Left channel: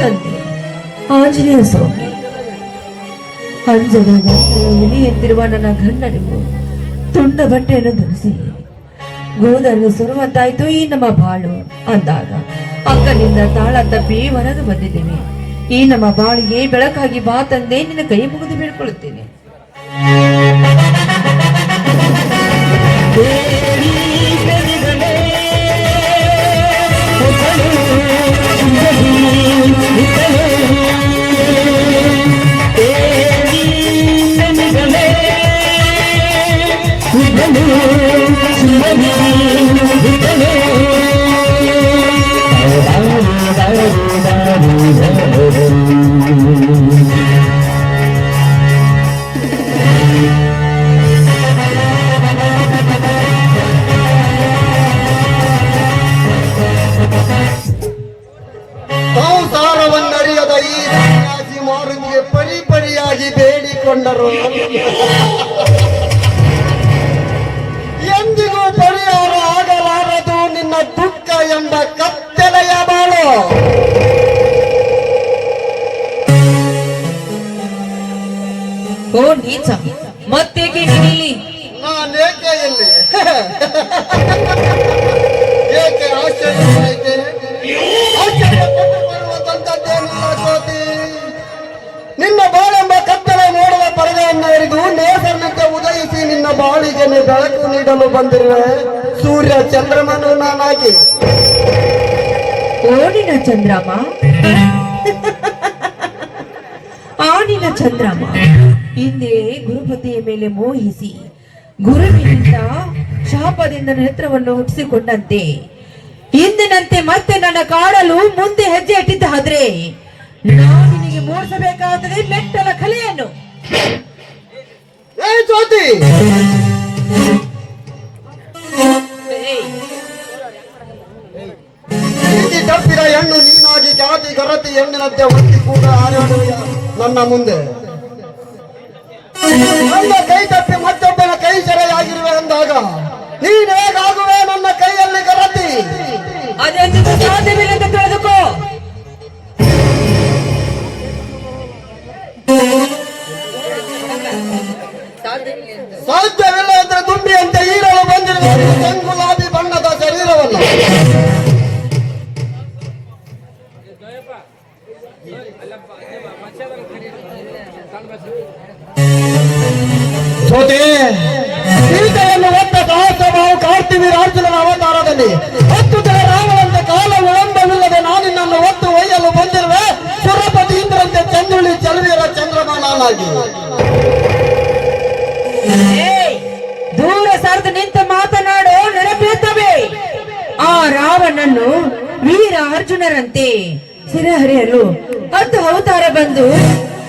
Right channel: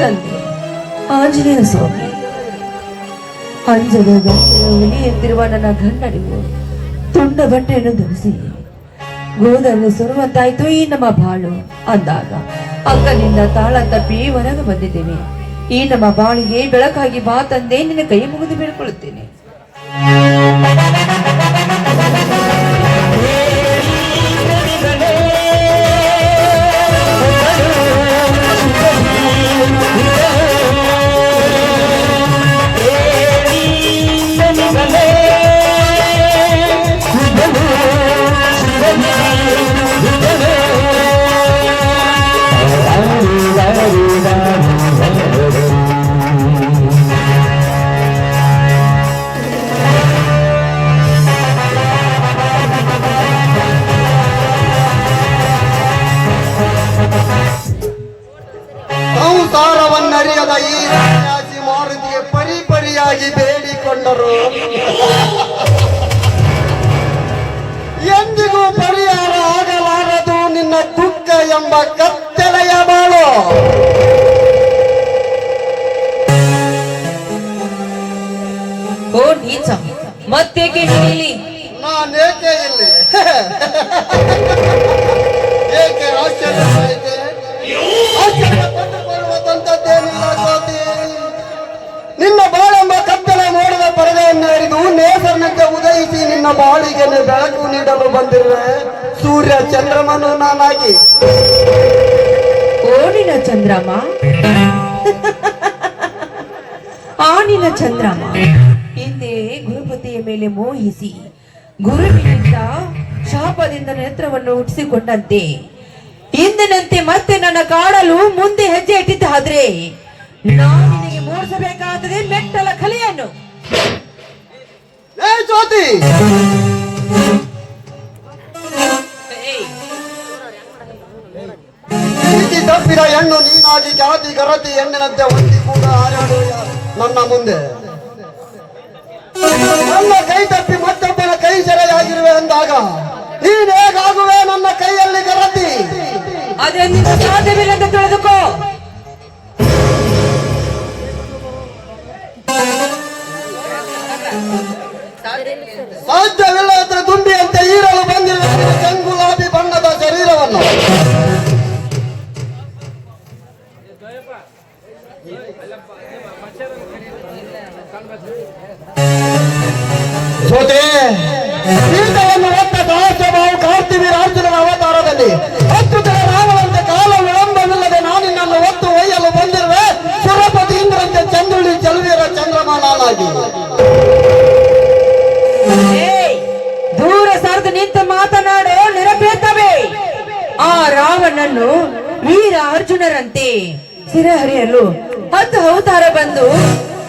ತಂದೆ ಆಂಜನೇಯ ಸ್ವಾಮಿ, ಅಂಜಲಿಗೆ ಹುಲಿ ಎಂದಿರುವ ನನ್ನ ಗಂಡನಿಗೂ ತುಂಡ ಬಟ್ಟೆಯನ್ನು ಧರಿಸಿ ಗೋದನ್ನು ಸುರುವಂತಾಯ್ತು ಈ ನಮ್ಮ ಬಾಳು ಅಂದಾಗ ಅಕ್ಕನಿಂದ ತಾಳ ತಪ್ಪಿ ಹೊರಗೆ ಬಂದಿದ್ದೇನೆ. ಈ ನಮ್ಮ ಬಾಳಿಗೆ ಬೆಳಕಾಗಿ ಬಾ ತಂದೆ, ನಿನ್ನ ಕೈ ಮುಗಿದು ಬೇಡ್ಕೊಳ್ಳುತ್ತೇನೆ. ಎಂದಿಗೂ ಪರಿಹಾರ ಆಗಲಾರದು ನಿನ್ನ ದುಃಖ ಎಂಬ ಕತ್ತಲೆಯ ಬಾಳು. ಮತ್ತೇಕೆ ನಾನೇಕೆ ಇಲ್ಲಿ ಏಕೆ ಆಶ್ಚರ್ಯವಾಯಿತೆ? ನಿನ್ನ ಬಾಳೆಂಬ ಕತ್ತಲೆ ನೋಡುವ ಪರದೆಯನ್ನು ಹಿಡಿದು ನೇಸರನಿಂದ ಉದಯಿಸಿ ನಿನ್ನ ಬಾಳಿಗೆ ಬೆಳಕು ನೀಡಲು ಬಂದಿರುವೆ ಸೂರ್ಯ ಚಂದ್ರಮನು ನಾನಾಗಿ. ಓಣಿನ ಚಂದ್ರಮ, ಆನಿನ ಚಂದ್ರಮ ಹಿಂದೆ ಗುರುಪತಿಯ ಮೇಲೆ ಮೋಹಿಸಿ ಗುರುವಿನಿಂದ ಶಾಪದಿಂದ ನೇತ್ರವನ್ನು ಹುಟ್ಟಿಸಿಕೊಂಡಂತೆ ಇಂದಿನಂತೆ ಮತ್ತೆ ನನ್ನ ಕಾಡಲು ಮುಂದೆ ಹೆಜ್ಜೆ ಇಟ್ಟಿದ್ದಾದ್ರೆ ನಾನು ನಿನಗೆ ಮೂಡಿಸಬೇಕಾದರೆ ಮೆಟ್ಟಲ ಕಲೆಯನ್ನು. ಜ್ಯೋತಿ, ನೀತಿ ತಪ್ಪಿದ ಹೆಣ್ಣು ನೀನಾಗಿ ಜಾತಿ ಗರತಿ ಹೆಣ್ಣಿನಂತೆ ಹುಟ್ಟಿ ಕೂಡ ಹಾರಾಡುವ ನನ್ನ ಮುಂದೆ. ನನ್ನ ಕೈ ತಪ್ಪಿ ಮತ್ತೊಬ್ಬನ ಕೈ ಸೆರೆಯಾಗಿರುವೆ ಅಂದಾಗ ನೀನ್ ಹೇಗಾಗುವೆ ನನ್ನ ಕೈಯಲ್ಲಿ ಗರತಿ? ಅದೆಂದು ಸಾಧ್ಯವಿಲ್ಲದ ತಿಳಿದುಕೋ. ಸಾಧ್ಯವಿಲ್ಲದ ದುಂಬಿಯಂತೆ ಈರಲು ಬಂದಿರುವ ಗುಲಾಬಿ ಬಣ್ಣದ ಶರೀರವನ್ನು ಸೀತೆಯನ್ನು ಹೊತ್ತ ದಾಸವಾವು ಕಾರ್ತಿವೀರ ಅರ್ಜುನನ ಅವತಾರದಲ್ಲಿ ಅದ್ಭುತ ರಾಗವಂತ ಕಾಲ ವಿಳಂಬವಿಲ್ಲದೆ ನಾನಿನ್ನನ್ನು ಹೊತ್ತು ಒಯ್ಯಲು ಬಂದಿರುವೆ ಸುರಪತಿ ಇಂದ್ರಂತೆ ಚಂದ್ರುಳಿ ಚಲುವಿರ ಚಂದ್ರಮ ನಾನಾಗಿ. ದೂರ ಸರಿದು ನಿಂತು ಮಾತನಾಡೋ ನೆನಪಿರುತ್ತವೆ. ಆ ರಾವಣನ್ನು ವೀರ ಅರ್ಜುನರಂತೆ ಸಿರಹರಿಯಲು 10 ಅವತಾರ ಬಂದು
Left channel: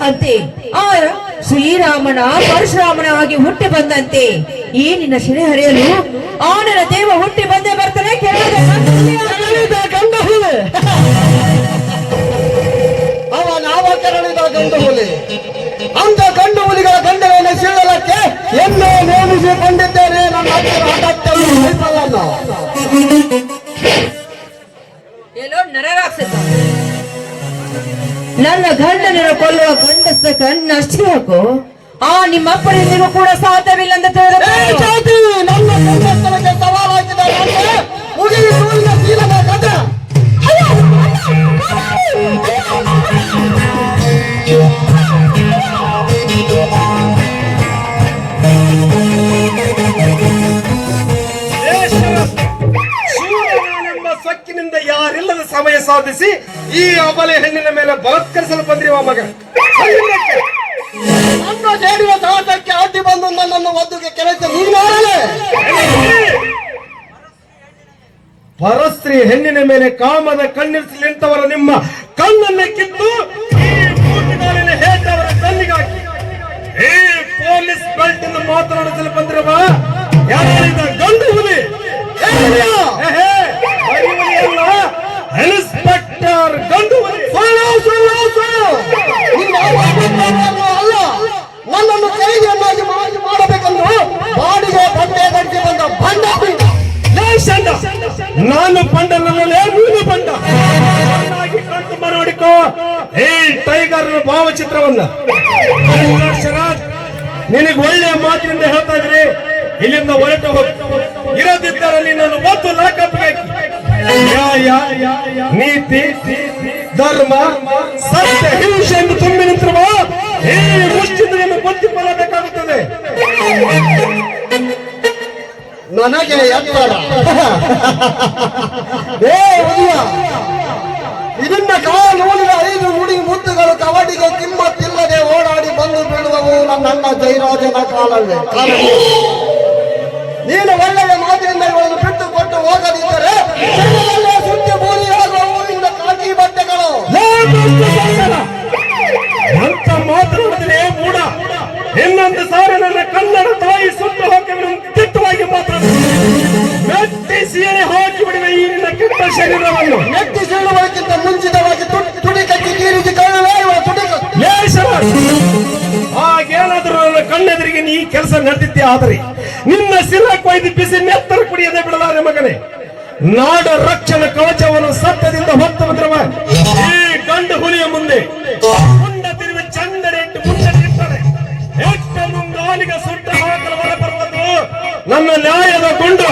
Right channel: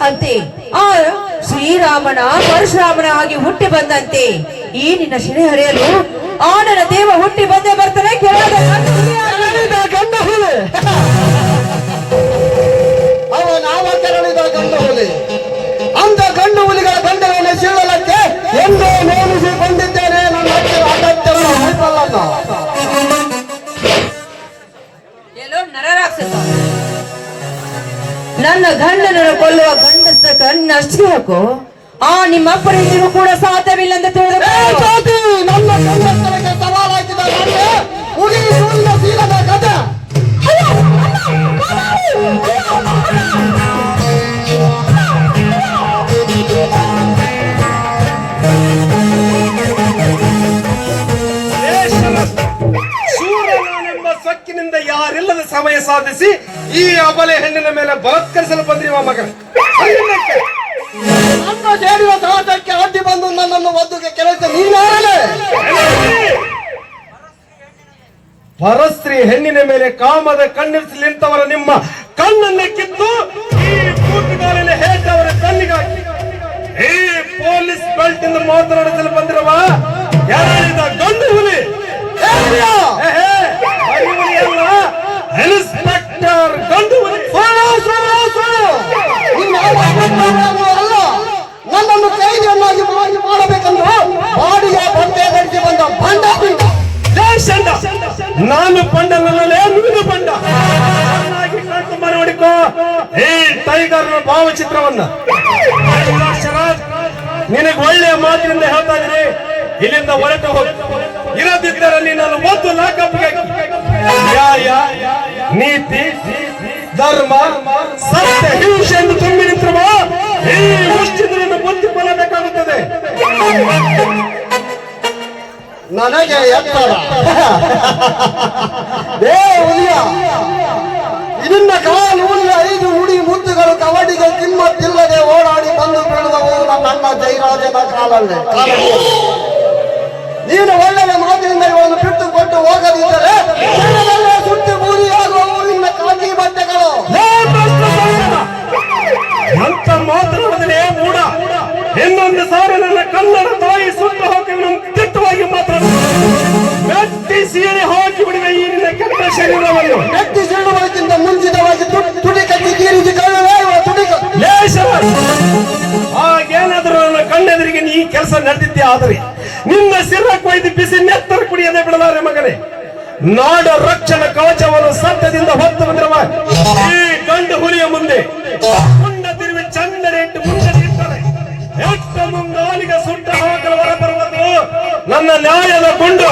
ಅಂತೆ ಆ ಶ್ರೀರಾಮನ ಪರಶುರಾಮನಾಗಿ ಹುಟ್ಟಿ ಬಂದಂತೆ ಈ ನಿನ್ನ ಶಿರಹರಿಯಲು ಆನನ ದೇವ ಹುಟ್ಟಿ ಬಂದೇ ಬರ್ತಾನೆ. ಗಂಡ ಹುಲಿ ಅವ ನಾವ ಕರಳಿದ ಗಂಡ ಹುಲಿ. ಅಂತ ಗಂಡು ಹುಲಿಗಳ ಗಂಡವನ್ನು ಸೀಳಲಕ್ಕೆ ಎಂದೋ ನೇಮಿಸಿಕೊಂಡಿದ್ದೇನೆ. ನನ್ನ ಗಂಡನ ಕೊಲ್ಲುವ ಗಂಡಸ್ತ ಕಣ್ಣು ಅಷ್ಟು ಹಾಕು. ಆ ನಿಮ್ಮಪ್ಪನಿಗೂ ಕೂಡ ಸಾಧ್ಯವಿಲ್ಲ ಅಂತ ನನ್ನ ಗಂಡಸ್ತನಕ್ಕೆ ಸವಾಲಾಗಿದ್ದಾರೆ. ಕಥೆ ಸೊಕ್ಕಿನಿಂದ ಯಾರಿಲ್ಲದ ಸಮಯ ಸಾಧಿಸಿ ಈ ಅಬಲೆ ಹೆಣ್ಣಿನ ಮೇಲೆ ಬಲಾತ್ಕರಿಸಲು ಬಂದಿರುವ ಮಗ ನನ್ನ ಸೇರಿದ ಸಾಹಸಕ್ಕೆ ಅಡ್ಡಿ ಬಂದು ನನ್ನನ್ನು ಒದ್ದುಗೆ ಕೆಲಸ ನೀನಾಗಲೇ. ಪರಸ್ತ್ರೀ ಹೆಣ್ಣಿನ ಮೇಲೆ ಕಾಮದ ಕಣ್ಣಿರಿಸಲಿ ಎಂತವರ ನಿಮ್ಮ ಕಣ್ಣನ್ನೇ ಕಿತ್ತು ಈ ಕೂಟುಗಾರನ ಹೇಟವರ ಕಣ್ಣಿಗಾಗಿ ಈ ಪೊಲೀಸ್ ಬೆಲ್ಟ್ ಇಂದ ಮಾತನಾಡಿಸಲು ಬಂದಿರುವ ಯಾರಿದ ಗಂಡು ಹುಲಿ ಇನ್ಸ್ಪೆಕ್ಟರ್ ಗಂಡು ಹುಲಿ. ಅಲ್ಲ, ನನ್ನನ್ನು ಕೈದಿಯನ್ನಾಗಿ ಮಾಡಬೇಕೆಂದು ಬಾಡಿಗೆ ಬಟ್ಟೆ ಕಟ್ಟಿ ಬಂದ ಬಂಡ. ನಾನು ಬಂಡ, ನನ್ನಲ್ಲೇ ನೀನು ಬಂಡ. ಕಳ್ತು ಮಾಡಿಕೊ ಈ ಟೈಗರ್ ಭಾವಚಿತ್ರವನ್ನ ಶರತ್, ನಿನಗೆ ಒಳ್ಳೆಯ ಮಾತಿನಿಂದ ಹೇಳ್ತಾ ಇದ್ರೆ ಇಲ್ಲಿಂದ ಹೊರಟು ಹೋಗು. ಇರೋದಿದ್ದರೆ ನಿನ್ನನ್ನು ಒಂದು ಲಾಕಪ್ಗೆ ನ್ಯಾಯ, ನೀತಿ, ಧರ್ಮ, ಸತ್ಯ, ಹಿಂಸೆಯನ್ನು ತುಂಬಿ ನಿಂತಿರುವ ಈ ಮುಷ್ಟಿಗಳನ್ನು ಹೊಂದಿಕೊಳ್ಳಬೇಕಾಗುತ್ತದೆ. ನನಗೆ ಎತ್ತರ ಇದನ್ನ ಕಾಲ ನೋಡಿದ 5 ನುಡಿ ಮುತ್ತುಗಳು ಕಬಡ್ಡಿಗೆ ಕಿಮ್ಮತ್ತಿಲ್ಲದೆ ಓಡಾಡಿ ಬಂದು ಬೀಳದವು ನನ್ನ ಜೈರಾಜನ ಕಾಲವೇ. ನೀನು ಒಳ್ಳೆಯ ಮಾತಿನಿಂದಗಳನ್ನು ಬಿಟ್ಟು ಕೊಟ್ಟು ಹೋಗದಿದ್ದರೆ ಸುಟ್ಟಿ ಬೂದಿಯಾಗುವವು ನಿನ್ನ ಕಾಕಿ ಬಟ್ಟೆಗಳು. ಅಂತ ಮಾತನಾಡಿದರೆ ಮೂಡ. ಇನ್ನೊಂದು ಸಾರಿ ನನ್ನ ಕನ್ನಡ ತಾಯಿ ಸುಟ್ಟು ಹೋಗಿ ತಿಟ್ಟವಾಗಿ ಮೆಟ್ಟಿ ಹಾಕಿ ಬಿಡುವ ಈ ನಿನ್ನ ಕೆಟ್ಟ ಶರೀರವನ್ನು ನೆಟ್ಟಿ ಸೀಳುವುದಕ್ಕಿಂತ ಮುಂಚಿತವಾಗಿ ತುಟಿ ಕಟ್ಟಿ ತೀರಿಸಿ ಹಾಗೇನಾದ್ರೂ ನನ್ನ ಕಣ್ಣೆದುರಿಗೆ ನೀ ಕೆಲಸ ನಡೆದಿದ್ದೆ. ಆದರೆ ನಿನ್ನ ಸಿರ ಕೊಯ್ದು ಬಿಸಿ ನೆತ್ತರ ಕುಡಿಯದೆ ಬಿಡಲಾರೆ ಮಗನೇ. ನಾಡ ರಕ್ಷಣ ಕವಚವನ್ನು ಸತ್ಯದಿಂದ ಹೊತ್ತು ಬಂದಿರುವ ಈ ಗಂಡು ಹುಲಿಯ ಮುಂದೆ ಮುಂಡ ತಿರುವಿ ಚಂದನೆಂಟು ಮುಂದೆ ನಿಂತಾರೆ. ಎಷ್ಟು ಮುಂಗಾಲಿಗೆ ಸುಟ್ಟ ಹಾಕಲು ಹೊರಬರುವುದು ನನ್ನ ನ್ಯಾಯದ ಗೊಂಡು.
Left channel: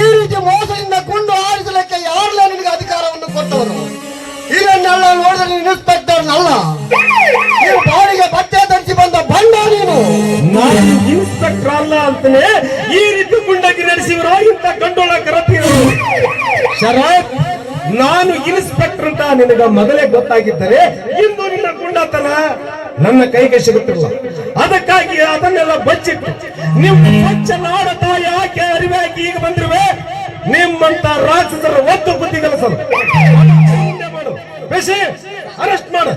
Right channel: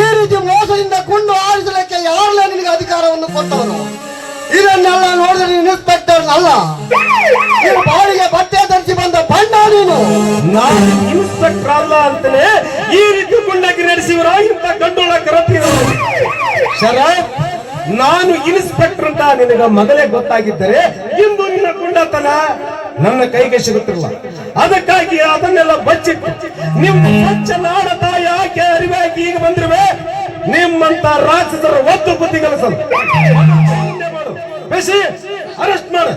ಈ ರೀತಿ ಮೋಸದಿಂದ ಕುಂಡು ಆರಿಸಲಿಕ್ಕೆ ಯಾರಲ್ಲ ನಿನಗೆ ಅಧಿಕಾರವನ್ನು ಕೊಟ್ಟವರು? ಇದನ್ನೆಲ್ಲ ನೋಡಿದ್ರೆ ಇನ್ಸ್ಪೆಕ್ಟರ್ ಅಲ್ಲ, ಬಾಡಿಗೆ ಬಟ್ಟೆ ಧರಿಸಿ ಬಂದ ಬಂಡ ನೀನು. ನಾನು ಇನ್ಸ್ಪೆಕ್ಟರ್ ಅಲ್ಲ ಅಂತಾನೆ ಈ ರೀತಿ ಗುಂಡಾಗಿ ನಡೆಸಿವರ ಇಂಥ ಗಂಡೊಳ ಕರಪ್ಪಿಗಳು. ಶರತ್, ನಾನು ಇನ್ಸ್ಪೆಕ್ಟರ್ ಅಂತ ನಿನಗ ಮೊದಲೇ ಗೊತ್ತಾಗಿದ್ದರೆ ಇಂದು ನಿನ್ನ ಗುಂಡತನ ನನ್ನ ಕೈಗೆ ಸಿಗುತ್ತಿಲ್ಲ. ಅದಕ್ಕಾಗಿ ಅದನ್ನೆಲ್ಲ ಬಚ್ಚಿಟ್ಟು ನಿಮ್ಮ ಸ್ವಚ್ಛ ನಾಡ ತಾಯಿ ಆಕೆ ಅರಿವಾಗಿ ಈಗ ಬಂದಿರುವೆ. ನಿಮ್ಮಂತ ರಾಕ್ಷಸರ ಒತ್ತು ಬುದ್ಧಿ ಕಲಿಸಲು ಬೇಸಿ ಅರೆಸ್ಟ್ ಮಾಡು.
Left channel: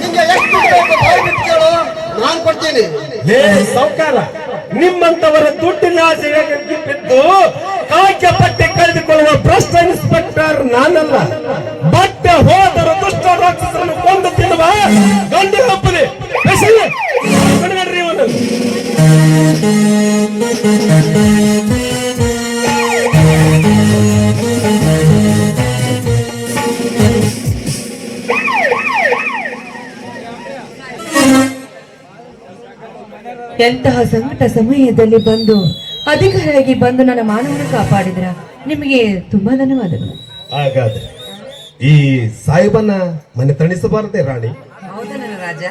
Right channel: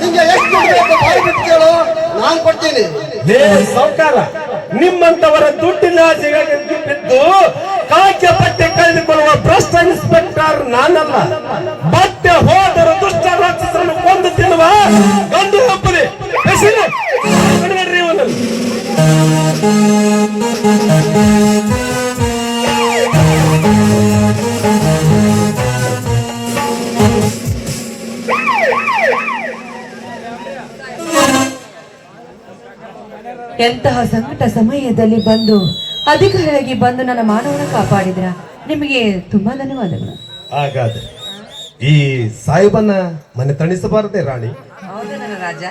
ನಿಂಗೆ ಎಷ್ಟು ಕೇಳು, ನಾನು ಕೊಡ್ತೀನಿ. ಸಾವುಕಾರ, ನಿಮ್ಮಂತವರ ದುಡ್ಡಿನ ಬಿದ್ದು ಕಾಯ್ಕೆ ಬಟ್ಟೆ ಕಳೆದುಕೊಳ್ಳುವ ಭ್ರಷ್ಟ ಇನ್ಸ್ಪೆಕ್ಟರ್ ನಾನಲ್ಲ. ಬಟ್ಟೆ ಹೋದರ ದುಷ್ಟ ರಾಕ್ಷಸರನ್ನು ಕೊಂದು ತಿನ್ನುವ ಗಂಡು ಹಬ್ಬದೆ ಬಿಡಬೇಡ್ರಿ ಇವನು. ಎಂತಹ ಸಂಕಟ ಸಮಯದಲ್ಲಿ ಬಂದು ಅಧಿಕಾರಿಯಾಗಿ ಬಂದು ನನ್ನ ಮಾನವನ ಕಾಪಾಡಿದ್ರ ನಿಮಗೆ ತುಂಬಾ ಧನ್ಯವಾದಗಳು. ಹಾಗಾದ್ರೆ ಈ ಸಾಹೇಬನ ಮನೆ ತಣಿಸಬಾರದೆ ರಾಣಿ? ಹೌದಲ್ಲ ರಾಜ.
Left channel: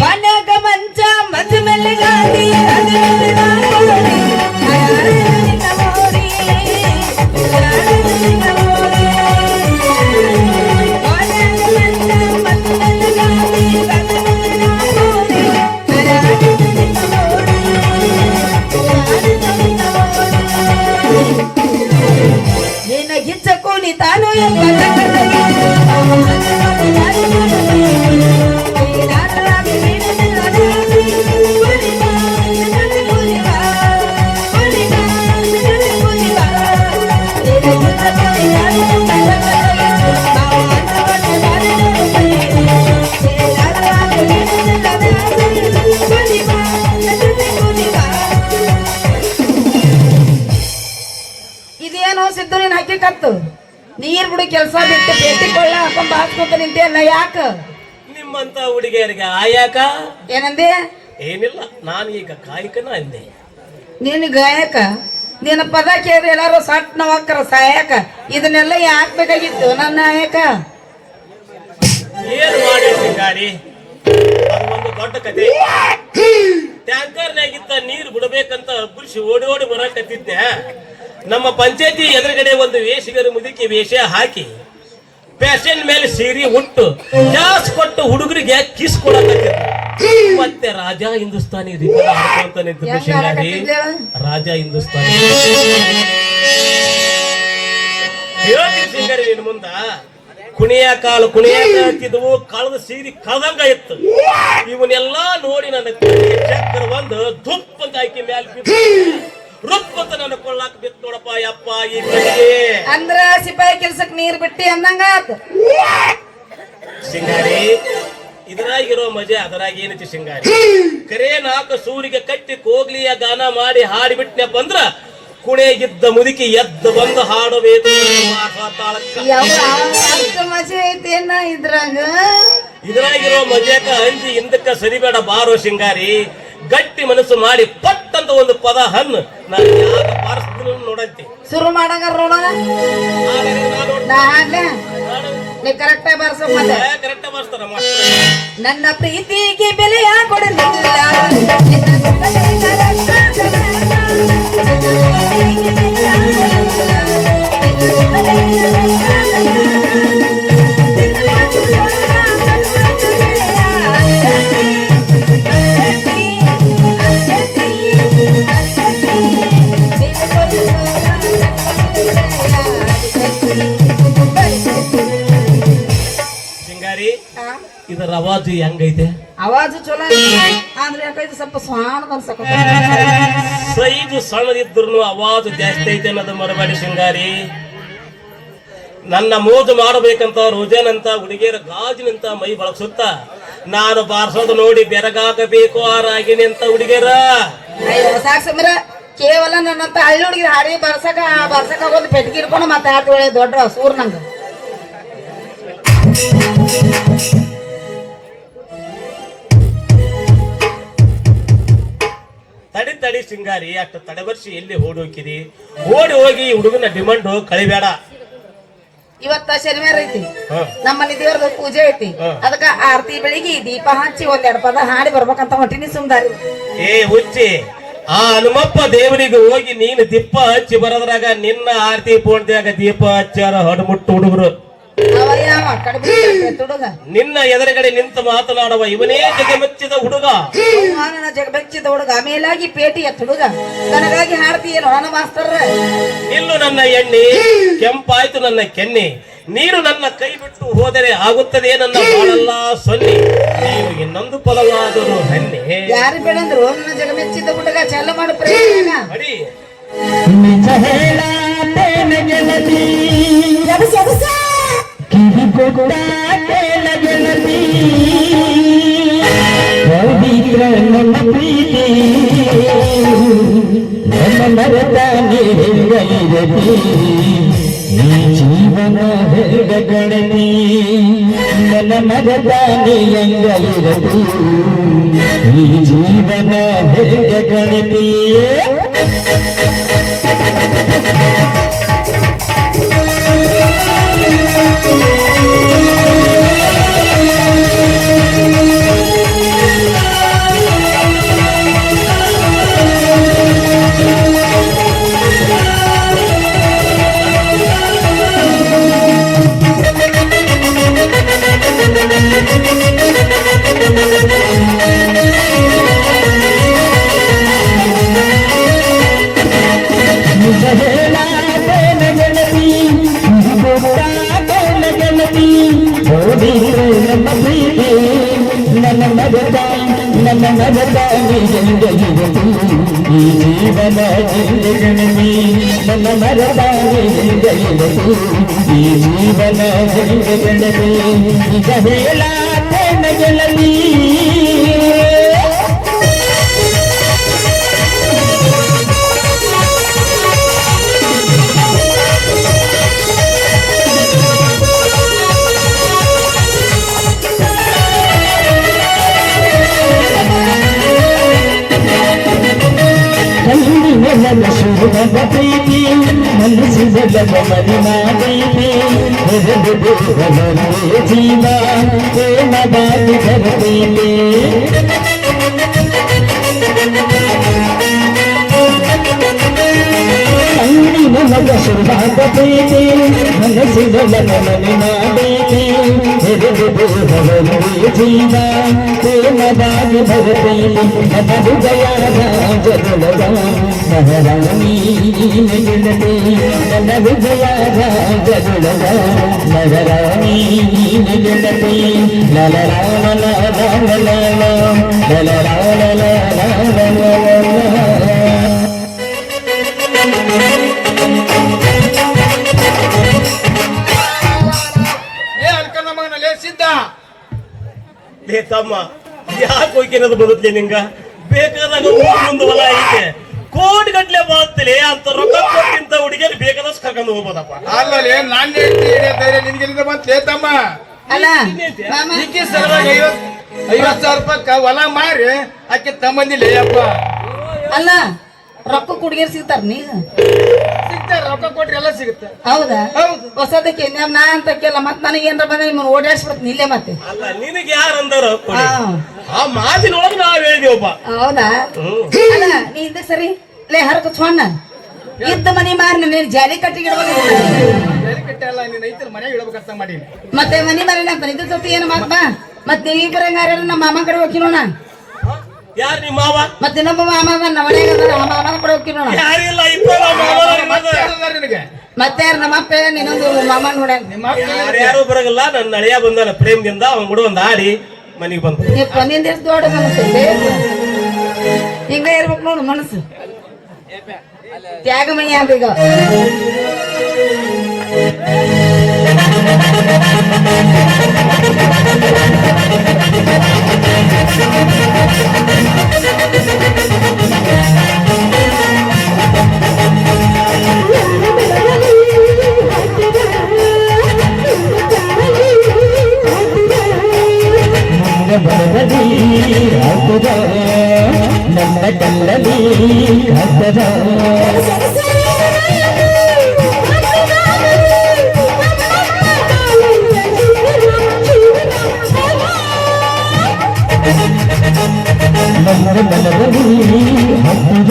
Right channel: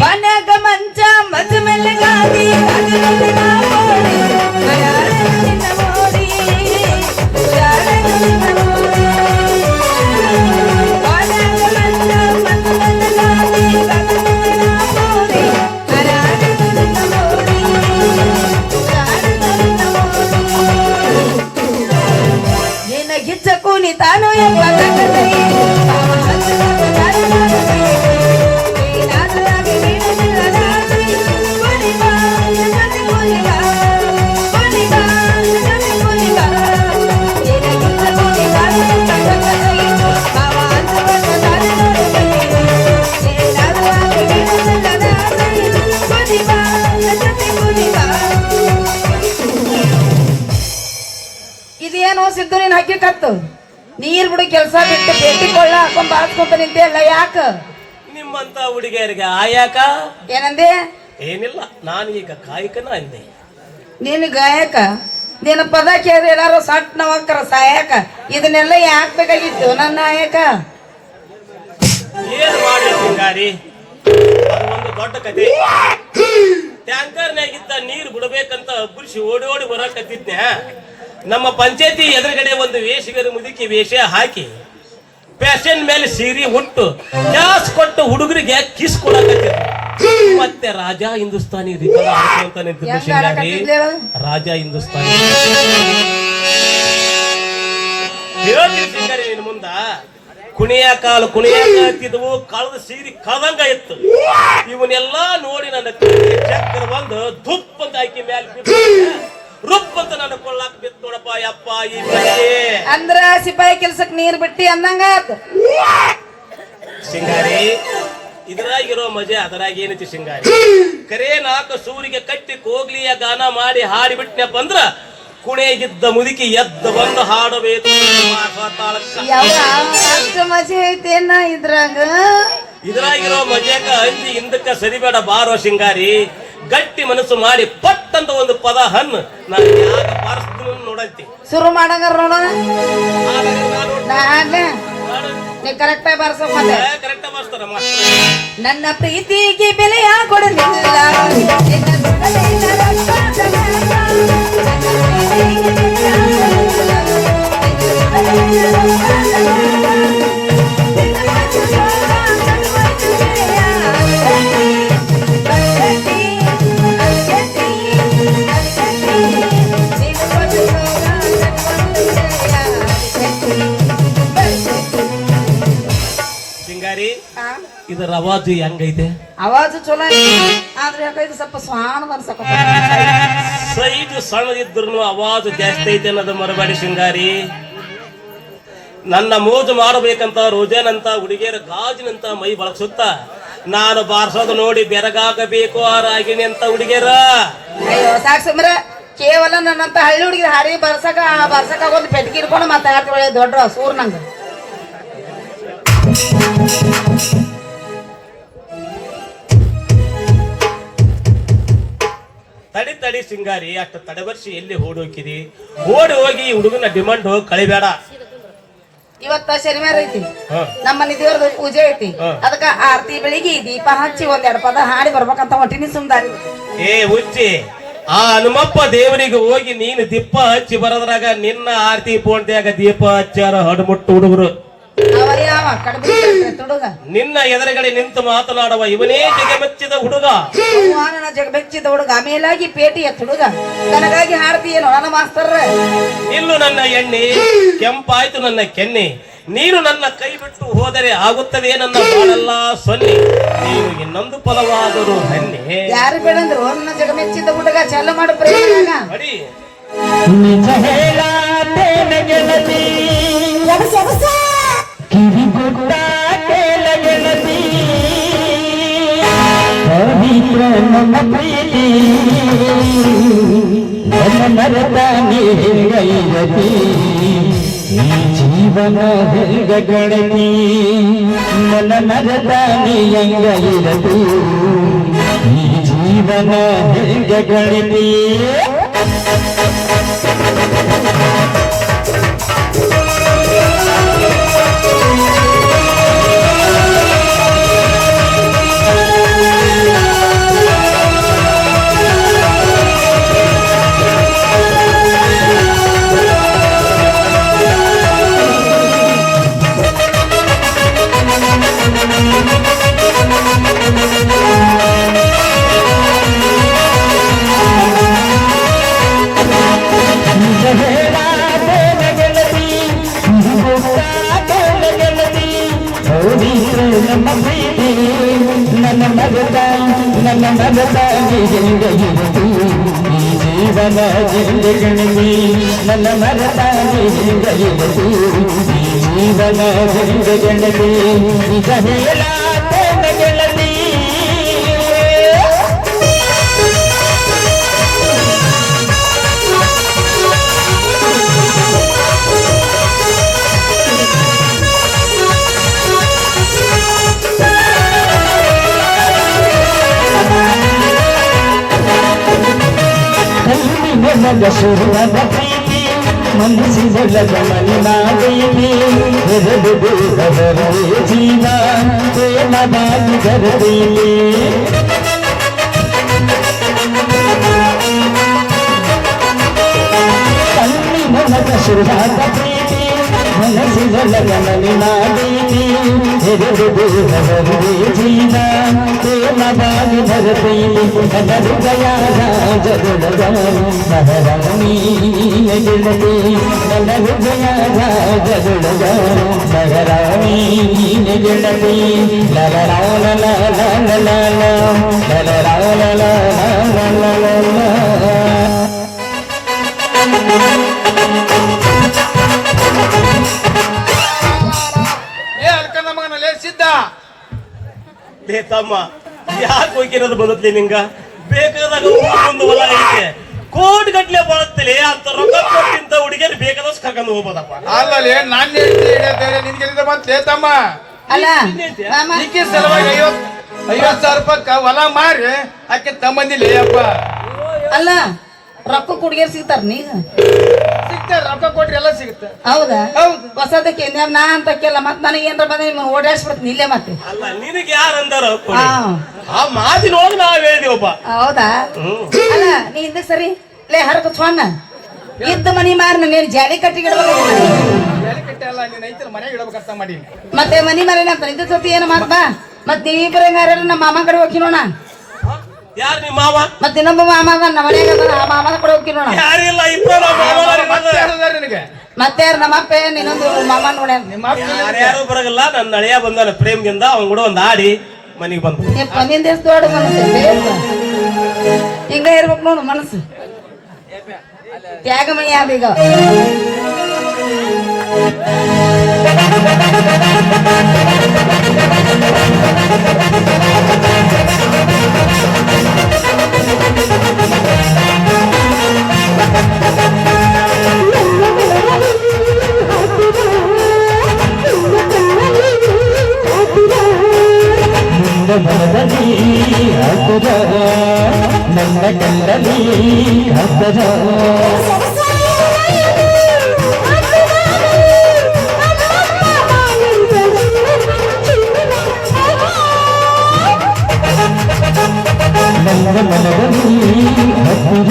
ಮನ್ಯಾಗ ಮಂಚ ಮಜ ಮೇಲೆ ಗಾಡಿ ಅದು ನೋಡಿ ಮಾಡಿ. ಯಾರೇ ನಿನ್ನ ನೋಡಿ, ಯಾರೇ ನಿನ್ನ ನೋಡಿ. ಮನ್ಯಾಗ ಮಂಚ ಮಜ ಮೇಲೆ ಗಾಡಿ ಅದು ನೋಡಿ ಮಾಡಿ. ಯಾರೇ ನಿನ್ನ ನೋಡಿ, ಯಾರೇ ನಿನ್ನ ನೋಡಿ. ನಿನ್ನ ಗಿಚ್ಚ ಕೂಲಿ ತಾನು ಎಂಬ ಇದೇನು ಸಿದ್ದು ನೀನ್ ಹಾಕಿಕತ್ತು ನೀರ್ ಬಿಡು ಕೆಲಸ ಬಿಟ್ಟು ಬೇಟಿ ಕೊಳ್ಳ ಹಾಕೊಂತ ಹಾಕ್ಕೊಂತ ನಿಂತೆ ನಾ ಯಾಕ ನಿಮ್ಮಂತ ಹುಡುಗಿಯರಿಗೆ ಆಯಾಕ ಏನಂದೆ ಏನಿಲ್ಲ ನಾನು ಈಗ ಕಾಯಕನ ಅಂದೆ. ನೀನು ಗಾಯಕ ನಿನ್ನ ಪದ ಕೇಳಿ ಎಲ್ಲಾರು ಸಟ್ ನವಂಕರ ಸಹಾಯಕ ಇದನ್ನೆಲ್ಲ ಯಾಕೆ ಬೇಕಾಗಿತ್ತು ನನ್ನ ನಾಯಕ ಏನ್ ಮಾಡಿ ಸಿಂಗಾರಿ, ಅದೊಂದು ದೊಡ್ಡ ಕತೆ. ಟ್ಯಾಂಕರ್ನಾಗಿದ್ದ ನೀರು ಬಿಡಬೇಕಂತ ಗುರುಸಿ ಓಡಿ ಓಡಿ ಬರಕತ್ತಿದ್ದೆ. ನಮ್ಮ ಪಂಚಾಯತಿ ಎದುರುಗಡೆ ಒಂದು ವೇಷಗರ ಮುದುಕಿ ವೇಷ ಹಾಕಿ ಪ್ಯಾಷನ್ ಮೇಲೆ ಸೀರೆ ಉಂಟು ಗ್ಯಾಸ್ ಕೊಟ್ಟು ಹುಡುಗರಿಗೆ ಕಿಸ್ ಕೊಡಕತ್ತಿದ್ರು. ಮತ್ತೆ ರಾಜಾ ಹಿಂದೂಸ್ತಾನಿ ರಿಪೇರ್ ಅಂತ ನಿಂತಿದ್ದ ಸಿಂಗಾರಿ. ರಾಜಾ ಹಿಂದೂಸ್ತಾನಿ ಹೇಳ್ತೀನಿ ಸಿಂಗಾರಿ, ನಿನ್ ಮುಂದ ಕುಣಿಯ ಕಾಲು ಕುಣಿಯಾಕತ್ತಿದ್ವು, ಕಳೆದ ಸೀರೆ ಕಳೆದಂಗ ಇತ್ತು. ಇವನ್ನೆಲ್ಲಾ ನೋಡಿ ನನ್ನ ಚಕ್ಕರ ಒಂದು ದುಪ್ಪ ಅಂತ ಹಾಕಿ ಮ್ಯಾಲ ರುಪ್ ಅಂತ ನನ್ನ ಕೊಳ್ಳಾಕ್ ಬಿತ್ತು ನೋಡಪ್ಪ ಯಪ್ಪ ಈ ಮನೆಗೆ. ಅಂದ್ರ ಸಿಪಾಯಿ ಕೆಲ್ಸಕ್ ನೀರ್ ಬಿಟ್ಟಿ ಅಂದಂಗ ಸಿಂಗಾರಿ, ಇದ್ರಾಗಿರೋ ಮಜೆ ಅದರಾಗ ಏನೈತಿ ಸಿಂಗಾರಿ. ಕರೆ ನಾಲ್ಕು ಸೂರಿಗೆ ಕಟ್ಟಿ ಕೋಗ್ಲಿಯ ಗಾನ ಮಾಡಿ ಹಾಡಿಬಿಟ್ನಪ್ಪ ಅಂದ್ರ ಕುಣಿಗಿದ್ದ ಮುದುಕಿ ಎದ್ದು ಬಂದು ಹಾಡಬೇಕು. ಮಜೆ ಐತೇನ ಇದ್ರಾಗ ಇದ್ರಾಗಿರೋ ಮಜಾಕ ಅಂಜಿ ಹಿಂದಕ್ಕ ಸರಿಬೇಡ ಬಾರೋ ಸಿಂಗಾರಿ. ಗಟ್ಟಿ ಮನಸ್ಸು ಮಾಡಿ ಪಟ್ಟಂತ ಒಂದು ಪದ ಹಣ್ಣು ನಾನು ಯಾಕೆ ಬಾರಿಸ್ತೀನಿ ನೋಡಂತಿ. ಶುರು ಮಾಡಂಗಾರ ನೋಡ ನೀ ಕರೆಕ್ಟ್ ಆಗಿ ಬರ್ಸಂಬಲ್ಲ. ಕರೆಕ್ಟ್ ಬಾರಿಸ್ತಾರ ನನ್ನ ಪ್ರೀತಿಗೆ ಬೆಲೆಯ ಕೊಡಲಿಲ್ಲ ಸಿಂಗಾರಿ, ಇದರ ಅವಾಜು ಹೆಂಗೈತೆ? ಅವಾಜು ಚಲೋ ಆದ್ರೆ ಯಾಕೈತೆ ಸ್ವಲ್ಪ ಸ್ವಾನ ಅನ್ಸಕ ಸೈಜು ಸಣ್ಣದಿದ್ರು ಅವಾಜು ಜಾಸ್ತಿ ಐತೆ ಅನ್ನೋದು ಮರಬೇಡಿ ಸಿಂಗಾರಿ. ನನ್ನ ಮೋಜು ಮಾಡಬೇಕಂತ ರೋಜನಂತ ಹುಡುಗಿಯರ ಗಾಜಿನಂತ ಮೈ ಬಳಸುತ್ತ ನಾನು ಬಾರಿಸೋದು ನೋಡಿ ಬೆರಗಾಗಬೇಕು ಆ ರಾಗಿಣಿ ಅಂತ ಹುಡುಗಿಯರ. ಅಯ್ಯೋ ಸಾಕ್ಸಂದ್ರ ಕೇವಲ ನನ್ನಂತ ಹಳ್ಳಿ ಹುಡುಗಿ ಹಾಡಿ ಬರ್ಸಕ ಆಗೋದು ಪೆಟ್ಕಿರ್ಕೊಂಡು ಮತ್ತೆ ಆಟ ವೇಳೆ ದೊಡ್ಡ ಸೂರ್ ನಂಗ ತಡಿ ಸಿಂಗಾರಿ, ಅಷ್ಟು ತಡಬರ್ಸಿ ಎಲ್ಲಿ ಓಡಿ ಹೋಗಿರಿ? ಓಡಿ ಹೋಗಿ ಹುಡುಗನ ಡಿಮಾಂಡ್ ಕಳಿಬೇಡ. ಇವತ್ತ ಶನಿವಾರ ಐತಿ, ನಮ್ಮ ಮನೆ ದೇವ್ರದ ಪೂಜೆ ಐತಿ. ಅದಕ್ಕ ಆರತಿ ಬೆಳಿಗ್ಗೆ ದೀಪ ಹಚ್ಚಿ ಒಂದೆರಡು ಪದ ಹಾಡಿ ಬರ್ಬೇಕಂತ ಹೊಟ್ಟಿನಿ ಸುಂದಾರಿ. ಏ ಹುಚ್ಚಿ, ಆ ಹನುಮಪ್ಪ ದೇವರಿಗೆ ಹೋಗಿ ನೀನು ದೀಪ ಹಚ್ಚಿ ಬರದ್ರಾಗ ನಿನ್ನ ಆರತಿ ಪೋಣ್ದ್ಯಾಗ ದೀಪ ಹಚ್ಚಾರ ಹಡ್ಮುಟ್ಟು ಹುಡುಗರು. ಅವ ಯಾವ ಹುಡುಗ ನಿನ್ನ ಎದುರುಗಡೆ ನಿಂತು ಮಾತನಾಡುವ ಇವನೇ ಜಗಮೆಚ್ಚಿದ ಹುಡುಗ. ನನ್ನ ಜಗ ಬೆಚ್ಚಿದ ಹುಡುಗ ಮೇಲಾಗಿ ಪೇಟಿ ಎತ್ತ ಹುಡುಗ ನನಗಾಗಿ ಹಾಡ್ತೀಯೇನೋ ನನ್ನ ಮಾಸ್ತರ್. ಇಲ್ಲು ನನ್ನ ಎಣ್ಣೆ ಕೆಂಪಾಯ್ತು ನನ್ನ ಕೆನ್ನೆ, ನೀನು ನನ್ನ ಕೈ ಬಿಟ್ಟು ಹೋದರೆ ಆಗುತ್ತದೆ ನನ್ನ ಬಾಳೆಲ್ಲ ಸೊನ್ನೆ, ನೀವು ಇನ್ನೊಂದು ಫಲವಾದರೂ ಹಣ್ಣೆ. ಯಾರು ಬೇಡಂದ್ರು ನನ್ನ ಜಗ ಬೆಚ್ಚಿದ ಹುಡುಗ ಚಾಲು ಮಾಡು ಪ್ರಯೋಗ. ಅಡಿ ನಿಜ ಹೇಳಾತೇನ ಗೆಳತಿ, ಕಿವಿ ಕೊಟ್ಟಾತೇನ ಗೆಳತಿ, ಪವಿತ್ರ ನನ್ನ ಪ್ರೀತಿ ನನ್ನ ಮರದ ನೀರ್ಗೈರತಿ, ಈ ಜೀವನ ಹೆಂಗ ಗಣತಿ ನನ್ನ ಮರದ ನೀಂಗೈರತಿ, ಈ ಜೀವನ ಹೆಂಗ ಗಣತಿ. ನನ್ನ ಪ್ರೀತಿ ನನ್ನ ಮರದ ಗೆಳತಿ, ಈ ಜೀವನ ಗೆಳತಿ ನನ್ನ ಮರದ ಗೆಳತಿ, ಈ ಜೀವನ ಗೆಳತಿ, ನಿಜ ಹೇಳಾತೇನ ಗೆಳತಿ. ಶುರುವಾದ ಪ್ರೀತಿ ಮನಸ್ಸಿನ ಮಲಿನಾದೀತಿ, ಜೀವ ಪ್ರೇಮವಾಗಿ ಗರ್ಭೀಲಿ, ಕಣ್ಣಿನ ಶುರುವಾದ ಪ್ರೀತಿ ಮನಸ್ಸಿನ ಮಲಿನಾದೀತಿ, ಜೀವ ಪ್ರೇಮವಾಗಿ ಗರ್ಭೀಲಿ, ಜಯಾದ ಜಗದ ಮಹಾರಾಣಿ ಗೆಳತಿ, ನನ್ನ ವಿಜಯದ ಜಗದ ಮಹಾರಾಣಿ ಗೆಳತಿ, ಲೇ ತಮ್ಮ, ಯಾಕೆ ಹೋಗಿರೋದು ಬರುತ್ತೆ ನಿಂಗ? ಬೇಕಾದಾಗ ಒಂದು ಹೊಲ ಐತೆ, ಕೋಟಿ ಗಟ್ಲೆ ಬರುತ್ತಲೇ ಅಂತ ರೊಕ್ಕ ಕೊಟ್ಟಿಂತ ಹುಡುಗಿಯಲ್ಲಿ ಬೇಕಾದಷ್ಟು ಕರ್ಕೊಂಡು ಹೋಗ್ಬೋದಪ್ಪ. ಅಲ್ಲಲ್ಲಿ ನಾನು ನಿನ್ಗೆ ಬಂತೇ ತಮ್ಮ, ಅಲ್ಲ ನಿಂಗೆ ಸಲುವಾಗಿ 50,000 ರೂಪಾಯಿ ಹೊಲ ಮಾರಿ ಆಕೆ ತಮ್ಮಂದಿಲ್ಲ ಅಪ್ಪ. ಅಲ್ಲ ರೊಕ್ಕ ಕುಡಿಯರ್ ಸಿಗ್ತಾರ ನೀಗ ಸಿಗ್ತಾರೆ, ರೊಕ್ಕ ಕೊಟ್ರೆ ಎಲ್ಲ ಸಿಗುತ್ತೆ. ಹೌದಾ? ಹೌದು. ಹೊಸದಕ್ಕೆ ನಾ ಅಂತಕ್ಕೆಲ್ಲ ಮತ್ ನನಗೆ ಏನಾರ ಬಂದ್ರೆ ನಿಮ್ಮನ್ನ ಓಡಾಡ್ಸ್ಬಿಡ್ತೀನಿ ಇಲ್ಲೇ ಮತ್ತೆ. ಅಲ್ಲ ನಿನಗೆ ಯಾರು ಅಂದಾರ ಹಾ. ಆ ಮಾತಿನೊಳಗೆ ನಾವ್ ಹೇಳಿದೀವಪ್ಪ. ಹೌದಾ? ಅಲ್ಲ ನೀ ಹಿಂದಕ್ಕೆ ಸರಿ ಲೇ ಹರಕ ಸ್ವಾನ ಇತ್ತ ಮನಿ ಮಾರಿ ನೀನ್ ಜಾಲಿ ಕಟ್ಟಿಗಿಡ್ಬೇಕು, ಕಟ್ಟಲ್ಲ ನೀನ್ ಐತಿ ಮನೆಗೆ ಇಡಬೇಕಂತ ಮಾಡಿ. ಮತ್ತೆ ಮನಿ ಮಾರಿ ಅಂತ ನಿಂದ ಸತಿ ಏನು ಮಾತ ಮತ್ ನೀವಿಬ್ಬರೇ ನಮ್ಮ ಮಾಮ ಕಡೆ ಹೋಗಿ ನೋಣ. ಯಾರು ನಿಮ್ಮ ಮಾವ? ಮತ್ತೆ ನಮ್ಮ ಮಾಮ ನಮ್ಮ ಮನೆಗೆ ಮಾಮನ ಕಡೆ ಹೋಗಿ ನೋಣ. ಯಾರಿಲ್ಲ, ಮತ್ತೆ ನಮ್ಮ ಅಪ್ಪ ನೀನೊಂದು ಮಾಮ ನೋಡ. ಯಾರು ಬರಗಲ್ಲ. ನನ್ನ ಹಳೆಯ ಬಂದಾನ ಪ್ರೇಮದಿಂದ, ಅವನ್ ಕೂಡ ಒಂದ್ ಆಡಿ ಮನಿಗೆ ಬಂದ. ಬಂದಿಂದ ಎಷ್ಟು ದೊಡ್ಡ ಮನಸ್ಸು ಹಿಂಗ ಇರ್ಬೇಕು ನೋಡು ಮನಸ್ಸು. ತ್ಯಾಗಮಯ್ಯ ಅಂತ ಈಗ ನನ್ನ ಕಲ್ಲಲ್ಲಿ ಹಬ್ಬದ ನನ್ನ ಮನದಲ್ಲಿ ಹಬ್ಬದ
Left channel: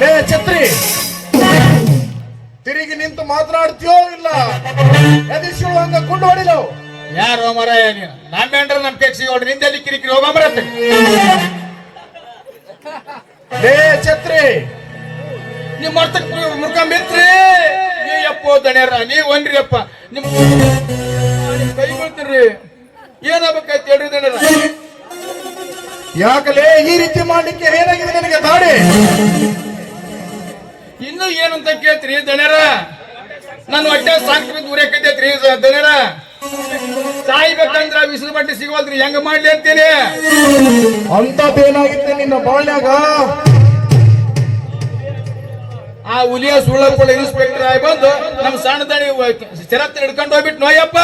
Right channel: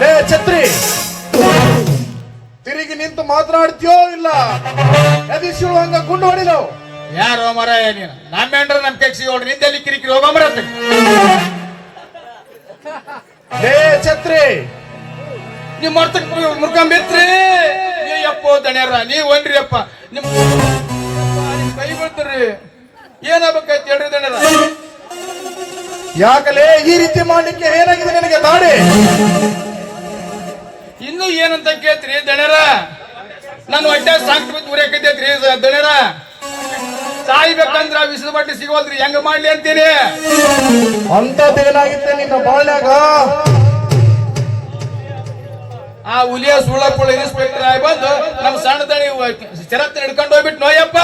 ಲೇ ಛತ್ರಿ, ತಿರುಗಿ ನಿಂತು ಮಾತನಾಡ್ತೀಯೋ ಇಲ್ಲ ಎದಿಸಿಳು ಹಂಗ ಗುಂಡು ಹೊಡಿದವು? ಯಾರು ಮರ ನಾವೇನ್ರ ನಮ್ ಕೆಕ್ಸಿ ನೋಡ್ರಿ ನಿಂದೆ ಕಿರಿಕಿರಿ ಹೋಗಂಬರತ್ತೆ. ಲೇ ಛತ್ರಿ, ನಿಮ್ ಮರ್ತಕ್ ಮುರ್ಕೊಂಬಿತ್ರಿ ಅಪ್ಪೋ ದಣ್ಯಾರ ನೀವ್ ಒನ್ರಿ ಅಪ್ಪ ನಿಮ್ ಕೈ ಬಂದ್ರಿ ಏನಾಗಬೇಕಂತ ಹೇಳ್ರಿ ದಣ್ಯಾರ. ಯಾಕಲೇ ಈ ರೀತಿ ಮಾಡ್ಲಿಕ್ಕೆ ಏನಾಗಿದೆ ನಿನಗೆ ದಾಡಿ? ಇನ್ನು ಏನಂತ ಕೇಳ್ತೀರಿ ದಣ್ಯಾರ? ನನ್ ಹೊಟ್ಟೆ ಸಾಕ್ಟ್ ಬಿದ್ದು ಉರಿಯಾಕೈತೈತ್ರಿ ದಣ್ಯಾರ. ಸಾಯ್ಬೇಕಂದ್ರ ವಿಷದ ಮಟ್ಟಿ ಸಿಗೋದ್ರಿ ಹೆಂಗ ಮಾಡ್ಲಿ ಅಂತೀರಿ? ಅಂತದೇನಾಗಿತ್ತೆ ನಿನ್ನ ಬಾಳ್ನಾಗ? ಆ ಹುಲಿಯ ಸುಳ್ಳಪ್ಪಳ ಇನ್ಸ್ಪೆಕ್ಟರ್ ಆಗಿ ಬಂದು ನಮ್ ಸಣ್ಣ ದಣಿ ಚರತ್ತ ಹಿಡ್ಕೊಂಡು ಹೋಗ್ಬಿಟ್ಟು ನೋಯಪ್ಪ.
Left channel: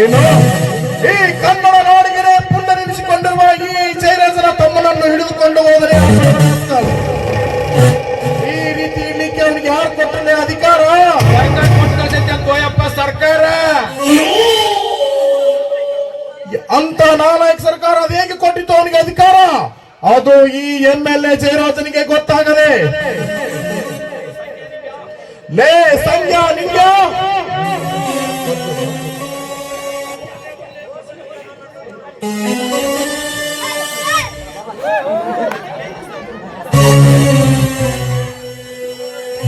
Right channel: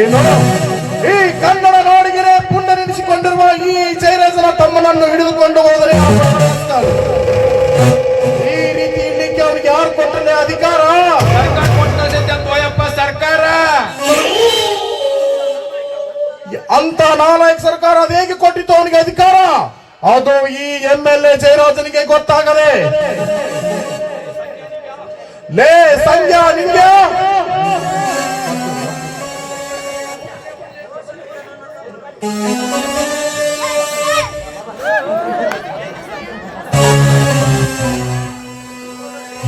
ಏನು ಈ ಕನ್ನಡ ನಾಡಿಗೆ ಪುನರ್ನಿಸಿಕೊಂಡಿರುವ ಈ ಜಯರಾಜನ ತಮ್ಮನನ್ನು ಹಿಡಿದುಕೊಂಡು ಹೋದರೆ ಈ ರೀತಿ ಇಡ್ಲಿಕ್ಕೆ ಅವನಿಗೆ ಯಾರು ಕೊಟ್ಟರೆ ಅಧಿಕಾರ? ನೋಯಪ್ಪ ಸರ್ಕಾರ. ಅಂತ ನಾಲಾಯಕ ಸರ್ಕಾರ ಅದು ಹೇಗೆ ಕೊಟ್ಟಿತ್ತು ಅವನಿಗೆ ಅಧಿಕಾರ? ಅದು ಈ MLA ಜಯರಾಜನಿಗೆ ಗೊತ್ತಾಗದೆ. ಲೇ ಸಂಜ್ಞಾ, ನಿಂಗ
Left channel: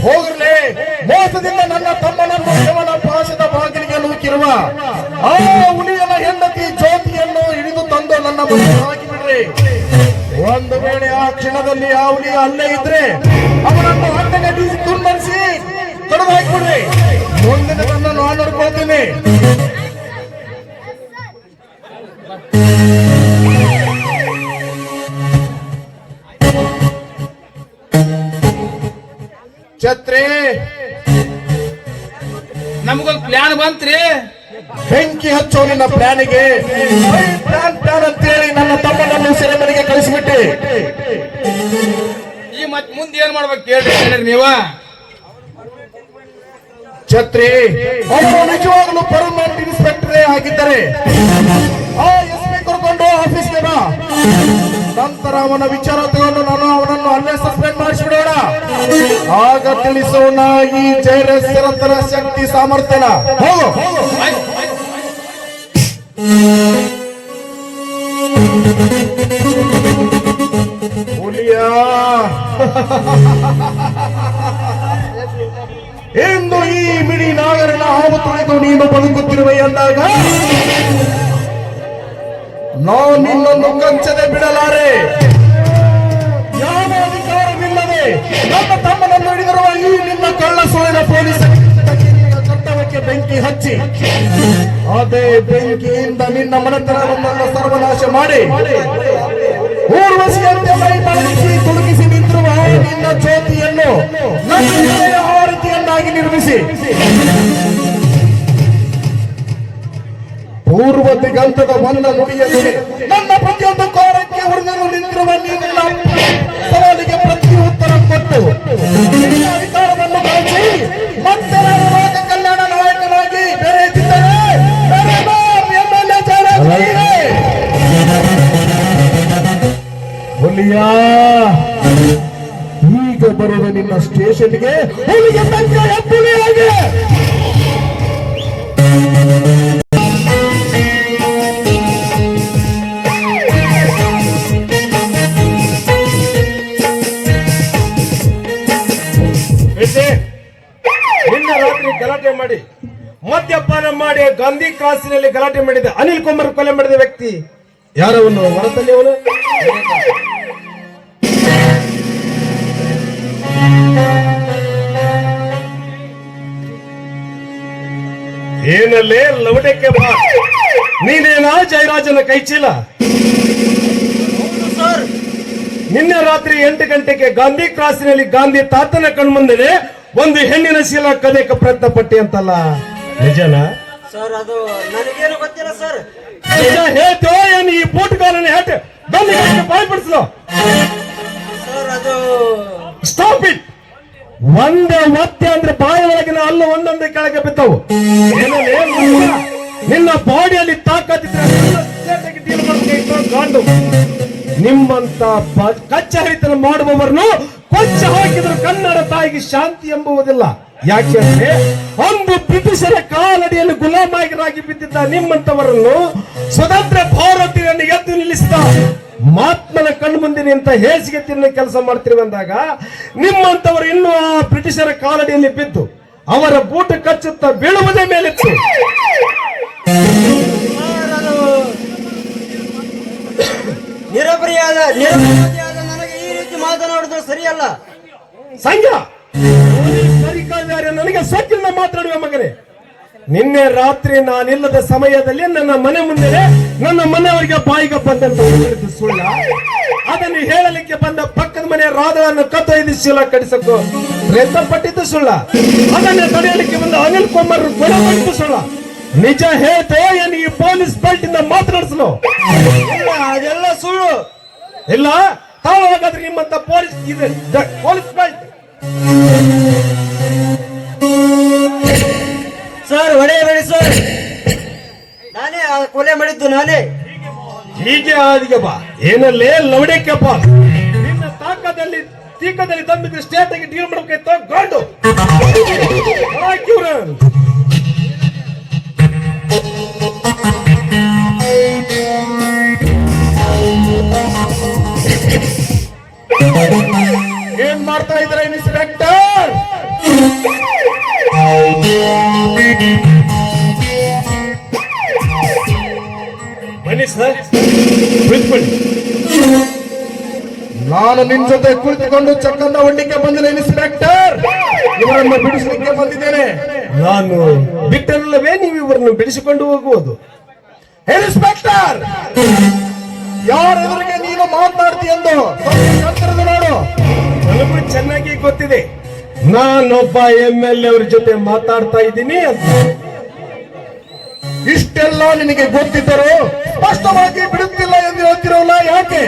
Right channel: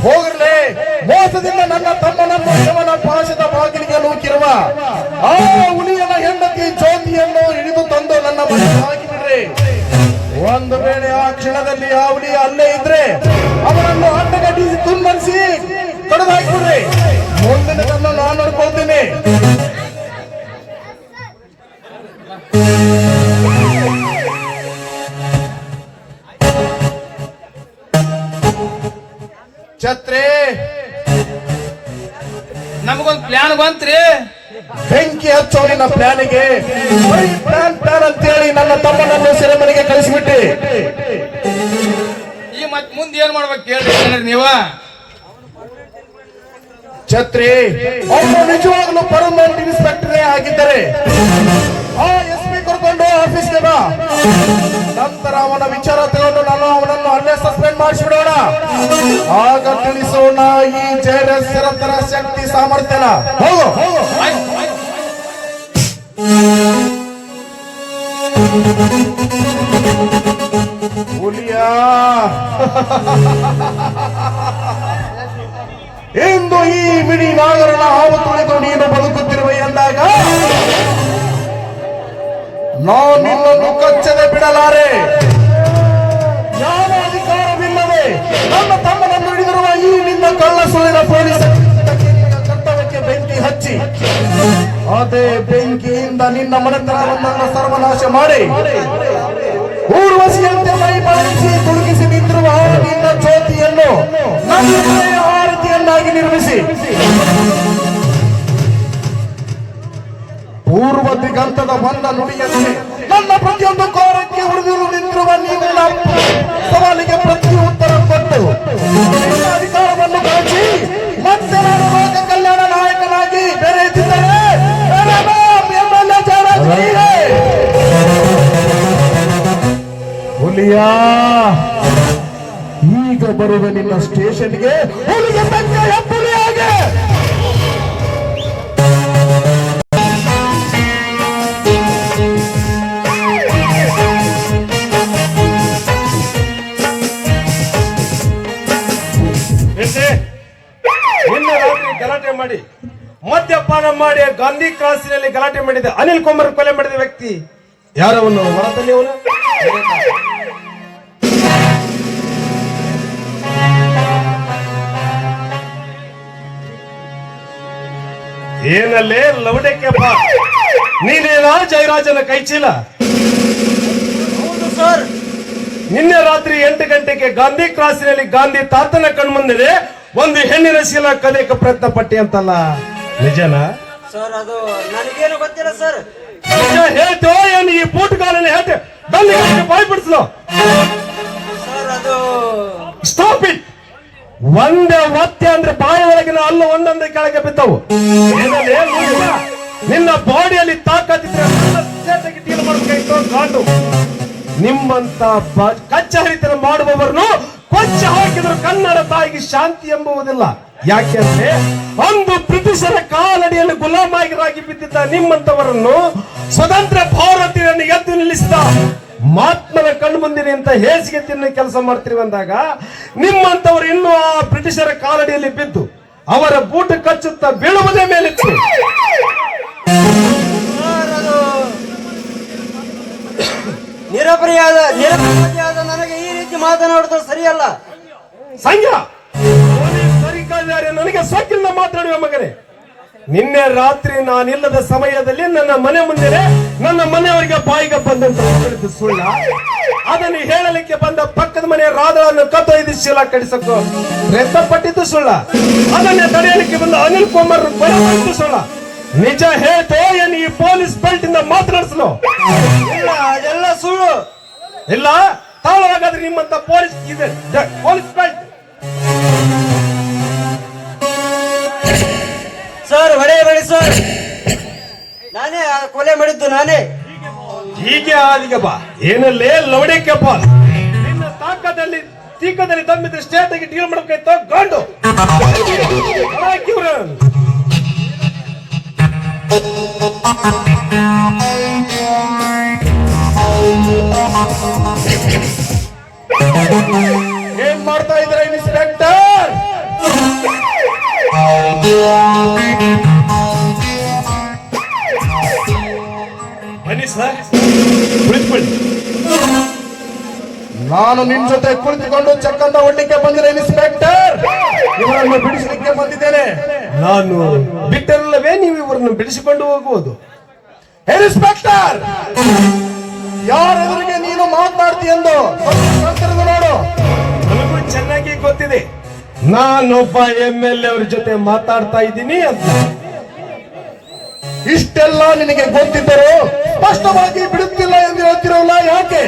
ಹೋಗ್ರಲೇ, ಮೋಸದಿಂದ ನನ್ನ ತಮ್ಮನನ್ನು ಯವನ ಪಾಶದ ಬಾಗಿಲಿಗೆ ನೂಕಿರುವ ಆ ಹುಲಿಯನ ಹೆಂಡತಿ ಜ್ಯೋತಿಯನ್ನು ಹಿಡಿದು ತಂದು ನನ್ನ ಮನೆ ಹಾಕಿಬಿಡ್ರಿ. ಒಂದು ವೇಳೆ ಆ ಕ್ಷಣದಲ್ಲಿ ಆ ಹುಲಿಯ ಅಲ್ಲೇ ಇದ್ರೆ ಅವನನ್ನು ಅಡ್ಡಗಟ್ಟಿಸಿ ತುನ್ಮರಿಸಿ ಕಡಿದು ಹಾಕಿಬಿಡ್ರಿ. ಮುಂದಿನ ನನ್ನ ನಾನು ನೋಡ್ಕೊಳ್ತೇನೆ. ಛತ್ರಿ, ನಮಗೊಂದು ಪ್ಲಾನ್ ಬಂತ್ರಿ. ಬೆಂಕಿ ಹಚ್ಚೋ ನಿನ್ನ ಪ್ಲಾನಿಗೆ. ಪ್ಲಾನ್ ಅಂತೇಳಿ ನನ್ನ ತಮ್ಮನನ್ನು ಸೆರೆಮನೆಗೆ ಕಳಿಸಿಬಿಟ್ಟೆ. ಈ ಮತ್ ಮುಂದೆ ಏನ್ ಮಾಡ್ಬೇಕು ಹೇಳ್ರಿ ನೀವ? ಛತ್ರಿ, ಅವರು ನಿಜವಾಗ್ಲೂ ಪರ್ಮನೆಂಟ್ ಇನ್ಸ್ಪೆಕ್ಟರೇ ಆಗಿದ್ದರೆ ಆ SP ಕರ್ಕೊಂಡು ಆಫೀಸ್ಗೆ ಬಾ. ನಂತರ ಅವನ ವಿಚಾರ ತಗೊಂಡು ನಾನು ಅವನನ್ನು ಅಲ್ಲೇ ಸಸ್ಪೆಂಡ್ ಮಾಡಿಸ್ಬಿಡೋಣ. ಆಗ ತಿಳಿಸೋಣ ಈ ಜಯರಸರ ಶಕ್ತಿ ಸಾಮರ್ಥ್ಯನ. ಹೋಗು. ಹುಲಿಯ ಎಂದು ಈ ಮಿಡಿ ನಾಗರನ ಹಾವು ತುಳಿದು ನೀನು ಬದುಕುತ್ತಿರುವೆ ಎಂದಾಗ ನಾವು ನಿನ್ನನ್ನು ಕಚ್ಚದೆ ಬಿಡಲಾರೆ. ಯಾವ ಅಧಿಕಾರವಿಲ್ಲದೆ ನಮ್ಮ ತಮ್ಮನನ್ನು ಹಿಡಿದಿರುವ ಈ ನಿನ್ನ ಕಳ್ಳ ಸುಳ್ಳಿನ ಪೊಲೀಸ್ ಚಟ್ಟಕ್ಕೆ ಬೆಂಕಿ ಹಚ್ಚಿ ಅದೇ ಬೆಂಕಿಯಿಂದ ನಿನ್ನ ಮನೆತನವನ್ನು ಸರ್ವನಾಶ ಮಾಡಿ ಊರ್ವಶಿಯಂತೆ ಮೈ ಮಾಡಿಸಿ ತುಡುಗಿಸಿ ನಿಂತಿರುವ ನಿನ್ನ ಜ್ಯೋತಿಯನ್ನು ನನ್ನ ಹೃದಯ ಆರತಿಯನ್ನಾಗಿ ನಿರ್ಮಿಸಿ ಪೂರ್ವ ದಿಗಂತದ ಬಂದ ನುಡಿಯಲ್ಲಿ ನನ್ನ ಪ್ರತಿಯೊಂದು ಕೋರಕ್ಕೆ ಹೊಡೆದು ನಿಂತಿರುವ ನಿನ್ನ ಸವಾಲಿಗೆ ಪ್ರತಿ ಉತ್ತರ ಕೊಟ್ಟು ನಿನ್ನ ಅಧಿಕಾರವನ್ನು ಬಳಸಿ ಮತ್ತೆ ನಾನು ರಾಜ ಕಲ್ಯಾಣ ನಾಯಕನಾಗಿ ಬೆರೆಯುತ್ತಿದ್ದರೆ ಹುಲಿಯ ಈಗ ಬರುವ ನಿನ್ನ ಸ್ಟೇಷನ್ಗೆ ಹುಲಿಗೆ ತಂದೆಯ ಹುಲಿಯಾಗೆ ಗಲಾಟೆ ಮಾಡಿ ಮದ್ಯಪಾನ ಮಾಡಿ ಗಾಂಧಿ ಕ್ರಾಸಿನಲ್ಲಿ ಗಲಾಟೆ ಮಾಡಿದ ಅನಿಲ್ ಕುಮಾರ್ ಕೊಲೆ ಮಾಡಿದ ವ್ಯಕ್ತಿ ಯಾರವನ್ನು ಹೊರತಲ್ಲಿ ಅವನು ಏನಲ್ಲೇ ಲವಡಕ್ಕೆ ಬಾ ನೀನೇನಾ ಜಯರಾಜನ ಕೈಚೀಲ ನಿನ್ನೆ ರಾತ್ರಿ 8 ಗಂಟೆಗೆ ಗಾಂಧಿ ಕ್ರಾಸಿನಲ್ಲಿ ಗಾಂಧಿ ತಾತನ ಕಣ್ಮುಂದೆ ಒಂದು ಹೆಣ್ಣಿನ ಶೀಲ ಕದೆಯಕ್ಕೆ ಪ್ರಯತ್ನ ಪಟ್ಟಿ ಅಂತಲ್ಲ ನಿಜನ ಸರ್ ಅದು ನನಗೇನು ಗೊತ್ತಿಲ್ಲ ಸರ್. ಹೇಳ್ತೋ ಏನು ಈ ಬೂಟ್ಗಾರನ ಹೇಳ್ತೆ ಬಂದು ಭಯಪಡಿಸ್ಲು ಸರ್ ಅದು ಸ್ಟಾಪ್ ಇಟ್ ಒಂದೇ ಒತ್ತೆ ಅಂದ್ರೆ ಬಾಳ ಒಳಗಿನ ಅಲ್ಲು ಒಂದೊಂದೇ ಕೆಳಗೆ ಬಿದ್ದವು ನಿನ್ನ ಬಾಡಿಯಲ್ಲಿ ತಾಕತ್ತಿದ್ರೆ ನಿಮ್ಮಂತ ಕಚ್ಚಹರಿತನ ಮಾಡುವವರನ್ನು ಕೊಂಚ ಹಾಕಿದ್ರು ಕನ್ನಡ ತಾಯಿಗೆ ಶಾಂತಿ ಎಂಬುವುದಿಲ್ಲ. ಯಾಕೆಂದ್ರೆ ಒಂದು ಬ್ರಿಟಿಷರ ಕಾಲಡಿಯಲ್ಲಿ ಗುಲಾಮಾಗಿರಾಗಿ ಬಿದ್ದಿದ್ದ ನಿಮ್ಮಂತವರನ್ನು ಸ್ವತಂತ್ರ ಭಾರತೀಯರನ್ನು ಎದ್ದು ನಿಲ್ಲಿಸಿದ ಮಹಾತ್ಮನ ಕಣ್ಣು ಮುಂದಿನ ಅಂತ ಹೇಸಿಗೆ ತಿನ್ನ ಕೆಲಸ ಮಾಡ್ತಿರುವಂದಾಗ ನಿಮ್ಮಂತವರು ಇನ್ನೂ ಆ ಬ್ರಿಟಿಷರ ಕಾಲಡಿಯಲ್ಲಿ ಬಿದ್ದು ಅವರ ಬೂಟ ಕಚ್ಚುತ್ತಾ ಬೀಳುವುದೇ ಮೇಲಿತ್ತು. ನಿರಪರಾಧಿಯಾದ ನನಗೆ ಈ ರೀತಿ ಮಾತನಾಡುವುದು ಸರಿಯಲ್ಲ. ಸಂಜ ನನಗೆ ಸೊಕ್ಕಿಂದ ಮಾತಾಡುವ ಮಗನೇ. ನಿನ್ನೆ ರಾತ್ರಿ ನಾನಿಲ್ಲದ ಸಮಯದಲ್ಲಿ ನನ್ನ ಮನೆ ಮುಂದೆ ನನ್ನ ಮನೆಯವರಿಗೆ ಬಾಯಿಗೆ ಬಂದಂತ ಸುಳ್ಳ ಅದನ್ನು ಹೇಳಲಿಕ್ಕೆ ಬಂದ ಪಕ್ಕದ ಮನೆಯ ರಾಧವನ್ನು ಕತ್ತೊಯ್ದು ಶೀಲ ಕಡಿಸಕ್ಕೂ ಪ್ರಯತ್ನ ಪಟ್ಟಿದ್ದು ಸುಳ್ಳ ಅದನ್ನೇ ತಡೆಯಲಿಕ್ಕೆ ಬಂದ ಅನಿಲ್ ಕುಮಾರ್ ಕೊಲೆ ಮಾಡಿದ್ದು ಸುಳ್ಳ. ನಿಜ ಹೇಳ್ತೋ ಏನು ಈ ಪೊಲೀಸ್ ಬೆಲ್ಟ್ ಇಂದ ಮಾತನಾಡಿಸಲು ಅದೆಲ್ಲ ಸುಳ್ಳು ಇಲ್ಲ ತಾವಾಗಾದ್ರೆ ನಿಮ್ಮಂತ ಪೊಲೀಸ್ ಇದೆ ಪೊಲೀಸ್ ಬೆಲ್ಟ್ ಸರ್ ಹೊಡೆಯಬೇಡಿ ಸರ್. ನಾನೇ ಕೊಲೆ ಮಾಡಿದ್ದು ನಾನೇ. ಹೀಗೆ ಆದಿಗೆ ಬಾ ಏನಲ್ಲೇ ಲವಡೇಕೆಪ್ಪ ನಿನ್ನ ತಾಕದಲ್ಲಿ ತೀಕದಲ್ಲಿ ತಮ್ಮಿದ್ರೆ ಸ್ಟೇಟ್ ಆಗಿ ಡೀಲ್ ಮಾಡಬೇಕಾಯ್ತು ಗಂಡು ಏನ್ ಮಾಡ್ತಾ ಇದ್ರೆ ಇನ್ಸ್ಪೆಕ್ಟರ್? ಬನ್ನಿ ಸರ್ ಕುಳಿತುಕೊಳ್ಳಿ. ನಾನು ನಿನ್ ಜೊತೆ ಕುಳಿತುಕೊಂಡು ಚಕ್ಕಂದ ಹೊಡ್ಲಿಕ್ಕೆ ಬಂದಿಲ್ಲ ಇನ್ಸ್ಪೆಕ್ಟರ್, ಇವರನ್ನು ಬಿಡಿಸಲಿಕ್ಕೆ ಬಂದಿದ್ದೇನೆ. ನಾನು ಬಿಟ್ಟಲ್ಲವೇ ನೀವು ಇವರನ್ನು ಬಿಡಿಸಿಕೊಂಡು ಹೋಗುವುದು? ಇನ್ಸ್ಪೆಕ್ಟರ್, ಯಾರೆದುರಿಗೆ ನೀನು ಮಾತನಾಡ್ತೀಯೆಂದು ನೋಡು. ನಮಗೆ ಚೆನ್ನಾಗಿ ಗೊತ್ತಿದೆ ನಾನೊಬ್ಬ MLA ಅವರ ಜೊತೆ ಮಾತಾಡ್ತಾ ಇದ್ದೀನಿ ಅಂತ. ಇಷ್ಟೆಲ್ಲ ನಿನಗೆ ಗೊತ್ತಿದ್ದರೂ ಸ್ಪಷ್ಟವಾಗಿ ಬಿಡುತ್ತಿಲ್ಲ ಎಂದು ಹೇಳ್ತಿರೋಲ್ಲ ಯಾಕೆ?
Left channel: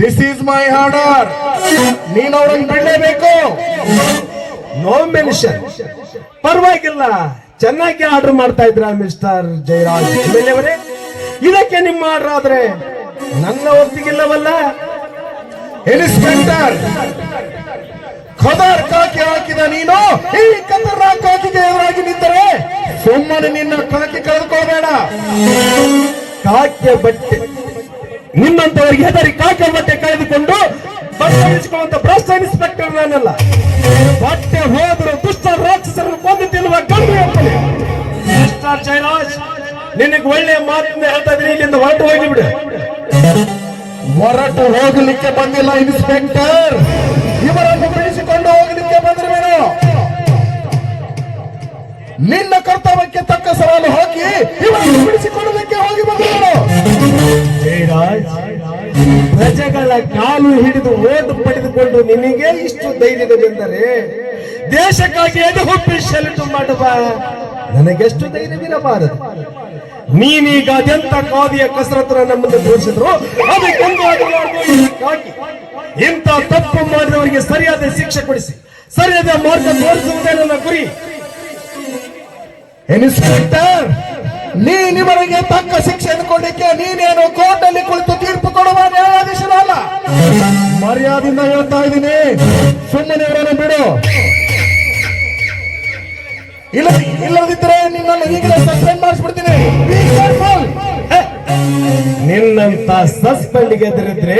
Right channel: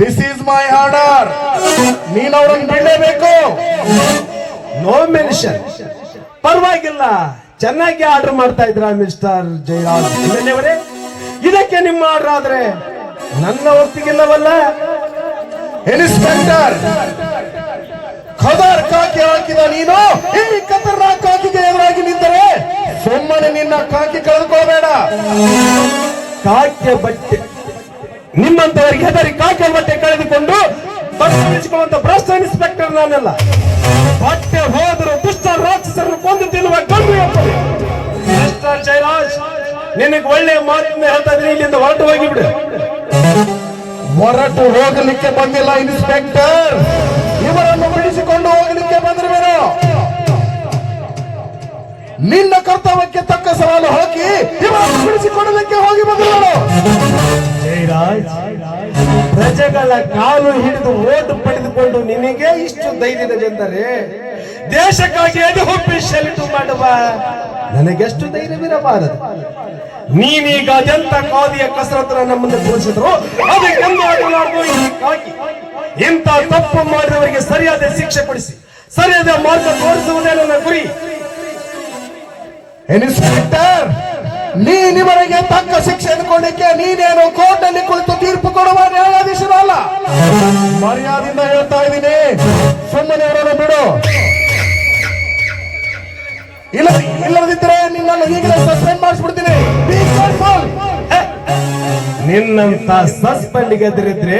This is my order. ನೀನು ಅವರನ್ನು ಬಿಡಲೇಬೇಕು. No mention. ಪರವಾಗಿಲ್ಲ, ಚೆನ್ನಾಗಿ ಆರ್ಡರ್ ಮಾಡ್ತಾ ಇದ್ರ ಮಿಸ್ಟರ್ ಜಯರಾಜ್ ಅವರೇ. ಇದಕ್ಕೆ ನಿಮ್ಮ ಆರ್ಡರ್ ಆದ್ರೆ ನನ್ನ ಒಪ್ಪಿಗಿಲ್ಲವಲ್ಲ. ಇನ್ಸ್ಪೆಕ್ಟರ್, ಖದರ್ ಕಾಕಿ ಹಾಕಿದ ನೀನು ಈ ಕದರ ಕಾಕಿಗೆ ಎದುರಾಗಿ ನಿಂತರೆ ಸುಮ್ಮನೆ ನಿನ್ನ ಕಾಕಿ ಕಳೆದುಕೋಬೇಡ. ಕಾಕೆ ಬಟ್ಟೆ ನಿಮ್ಮಂತವರಿಗೆ ಹೆದರಿ ಕಾಕೆ ಬಟ್ಟೆ ಕಳೆದುಕೊಂಡು ಪರಿಗಣಿಸಿಕೊಳ್ಳುವಂತ ಭ್ರಷ್ಟ ಇನ್ಸ್ಪೆಕ್ಟರ್ ನಾನಲ್ಲ. ಬಟ್ಟೆ ಹೋದರೂ ದುಷ್ಟ ರಾಕ್ಷಸರನ್ನು ಕೊಂದು ತಿನ್ನುವ ಗಂಡು ಇರ್ತದೆ. ಮಿಸ್ಟರ್ ಜಯರಾಜ್, ನಿನಗೆ ಒಳ್ಳೆಯ ಮಾತಿಂದ ಹೇಳ್ತಾ ಇದ್ರೆ ಇಲ್ಲಿಂದ ಹೊರಟು ಹೋಗಿಬಿಡು. ಹೊರಟು ಹೋಗಲಿಕ್ಕೆ ಬಂದಿಲ್ಲ ಇನ್ಸ್ಪೆಕ್ಟರ್, ಇವರನ್ನು ಬಿಡಿಸಿಕೊಂಡು ಹೋಗಲಿಕ್ಕೆ ಬಂದಿರುವರು. ನಿನ್ನ ಕರ್ತವ್ಯಕ್ಕೆ ತಕ್ಕ ಸವಾಲು ಹಾಕಿ ಇವರನ್ನು ಬಿಡಿಸಿಕೊಳ್ಳಲಿಕ್ಕೆ ಹೋಗಿ ಬಂದರು. ಜಯರಾಜ್, ಪ್ರಜೆಗಳ ಕಾಲು ಹಿಡಿದು ಓಟು ಪಡೆದುಕೊಂಡು ನಿನಗೆ ಇಷ್ಟು ಧೈರ್ಯವೆಂದರೆ ದೇಶಕ್ಕಾಗಿ ಎದು ಹೊಪ್ಪಿ ಶರಣು ಮಾಡುವ ನನಗೆಷ್ಟು ಧೈರ್ಯವಿರಬಾರದು. ನೀನೀಗ ಅದೆಂತ ಕಾದಿಯ ಕಸರತ್ರ ನಮ್ಮನ್ನು ತೋರಿಸಿದ್ರು ಅದಕ್ಕೊಂದು ಹಾಕಿ ಇಂಥ ತಪ್ಪು ಮಾಡಿದವರಿಗೆ ಸರಿಯಾದ ಶಿಕ್ಷೆ ಕೊಡಿಸಿ ಸರಿಯಾದ ಮಾರ್ಗ ತೋರಿಸುವುದೇ ನನ್ನ ಗುರಿ. ಇನ್ಸ್ಪೆಕ್ಟರ್, ನೀನಿವರಿಗೆ ತಕ್ಕ ಶಿಕ್ಷೆ ಇಟ್ಕೊಂಡಿಕ್ಕೆ ನೀನೇನು ಕೋರ್ಟಲ್ಲಿ ಕುಳಿತು ತೀರ್ಪು ಕೊಡುವ ನ್ಯಾಯಾಧೀಶರಲ್ಲ. ಮರ್ಯಾದೆಯಿಂದ ಹೇಳ್ತಾ ಇದ್ದೀನಿ, ಸುಮ್ಮನೆ ಅವರನ್ನು ಬಿಡು. ಇಲ್ಲದಿದ್ದರೆ ನಿನ್ನನ್ನು ಈಗಲೇ ಸಸ್ಪೆಂಡ್ ಮಾಡಿಸ್ಬಿಡ್ತೀನಿ. ನಿನ್ನಂತ ಸಸ್ಪೆಂಡ್ಗೆ ಎದುರಿದ್ರೆ